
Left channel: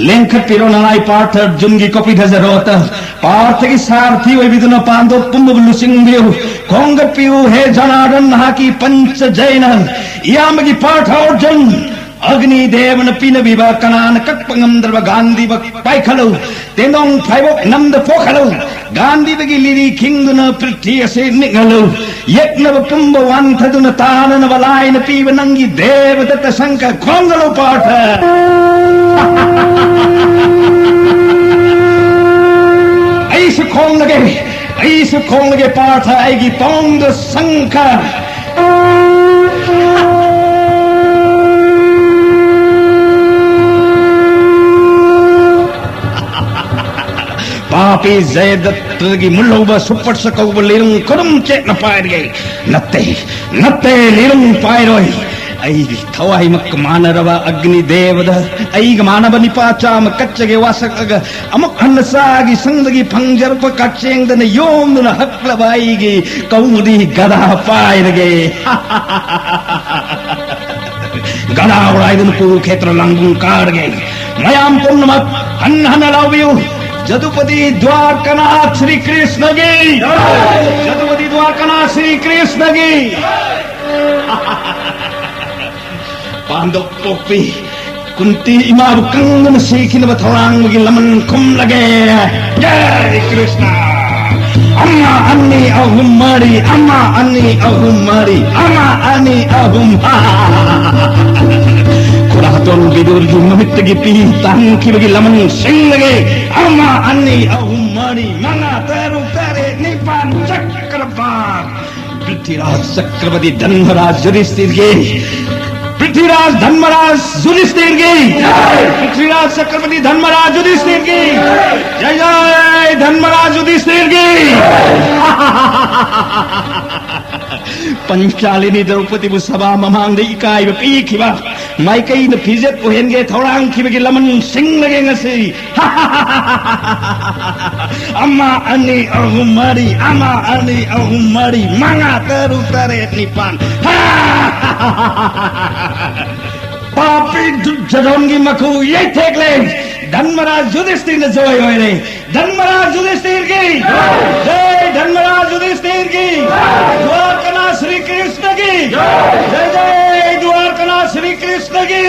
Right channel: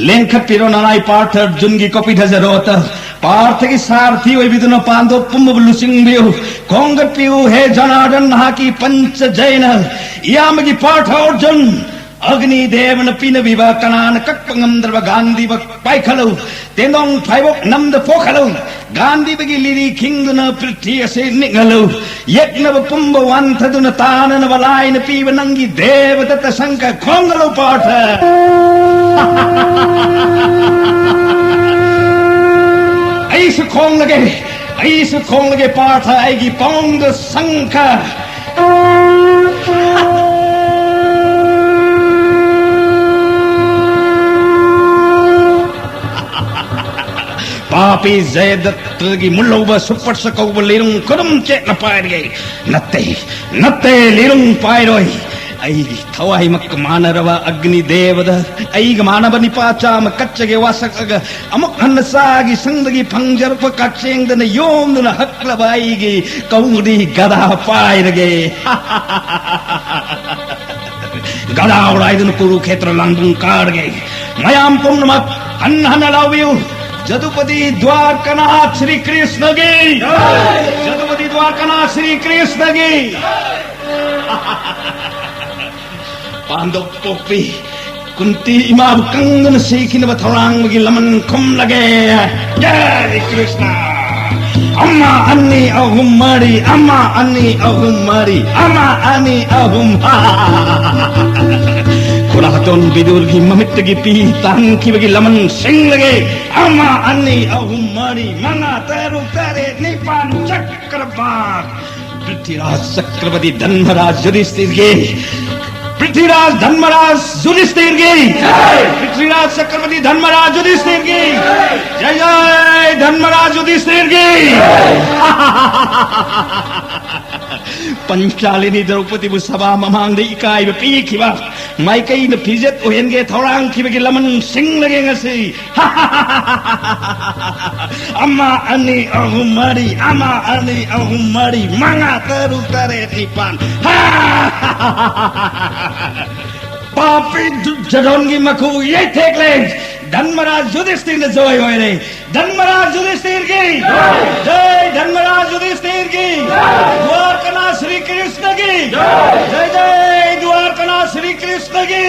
lengkha piro nanai Partha Arjun gi kopi dhazarota Partha gi sarthi oi biduna pando pumbu lusing biu konga piu he janadan haki pancha jaina yamagi Partha Arjun Agni Devana pina biba kanan kakpangam darba Gandhi bak paikhalu tenong phaibok namda pokhalu Gandhi bagi liri kingduna prithya se ningalu yekna pumba wanthaduna tanana valaina piva nangi devadata sanka kongalu Partha aisu konglage Partha aigi pongda sanka Papi Zayadatlagi mulloba supersakauba lirung kurum chet na pairgai natte lirung pairoi ꯑꯩꯒꯤ ꯊꯋꯥꯏꯃꯛ ꯃꯥꯟꯅꯔꯕ ꯑꯒ꯭ꯅꯤ ꯗꯦꯕꯗ ꯑꯩꯒ ꯃꯥꯟꯅꯕ ꯅꯤꯄꯥ ꯆꯥꯝꯃ ꯀꯠꯆꯒꯦ ꯋꯥꯁꯛꯑꯒ ꯑꯃꯨꯛ ꯍꯟꯅ ꯆꯥꯒꯤ ꯁꯪꯗꯒꯤ ꯐꯪꯖꯔꯛꯄ ꯀꯛꯆꯦꯡꯗꯅ ꯌꯣꯝꯗꯨꯅ ꯍꯛꯂꯕ ꯑꯩꯒꯤ ꯀꯧꯗꯤ ꯒꯗꯥ ꯄꯥꯏꯔꯒꯦ ꯒꯗꯥ ꯎꯔꯥꯏꯗꯨꯅ ꯀꯨꯔꯨꯈꯦꯇ꯭ꯔ ꯂꯥꯡꯕꯨꯡ ꯀꯥꯔꯒꯦ ꯃꯌꯥꯝ ꯄꯨꯝꯅꯃꯛ ꯍꯟꯅ ꯍꯟꯅ ꯂꯥꯎꯕꯤꯌꯨ जदुपति द्वारकानाथ श्री कृष्ण की जदुपति द्वारकानाथ श्री कृष्ण की पांडव पोपी कुंती इमा कंगन सीखिन बथौरांग की लमन खुम लगे जय कृष्ण अम्मा अन्नी अहुम मारी अम्मा अन्नी अहुम मारी अम्मा अन्नी अहुम Kuraton bidur gi mamit gi pi tang ki bagi laman sing lagi ama ani ahum mani manga teru pere nipan chakrabat Prithviraj Chakravarti Dhanmaraj Yudhishthir gi Prithviraj Dhanmaraj Yudhishthir gi Prithviraj Chakravarti Dhanmaraj Yudhishthir gi Jai Jai Dhanmaraj Yudhishthir gi पंचालिनी Draupadi सभा ममांग इकाई पीखिबा माइकई न फिजत ओहेनगे थौरांग खिबगे लमन सिंग लगे ngasi amma ani ahum mari amma ani ahum mari manga teru tare tripan papi jadongi maku ye thekle Dhanmaraj Yudhishthir ne joy hoye re Dhanmaraj Yudhishthir ki jai Dhanmaraj Yudhishthir ki Dwarkanath Shri Krishna ki jai jai Dwarkanath Shri Krishna ki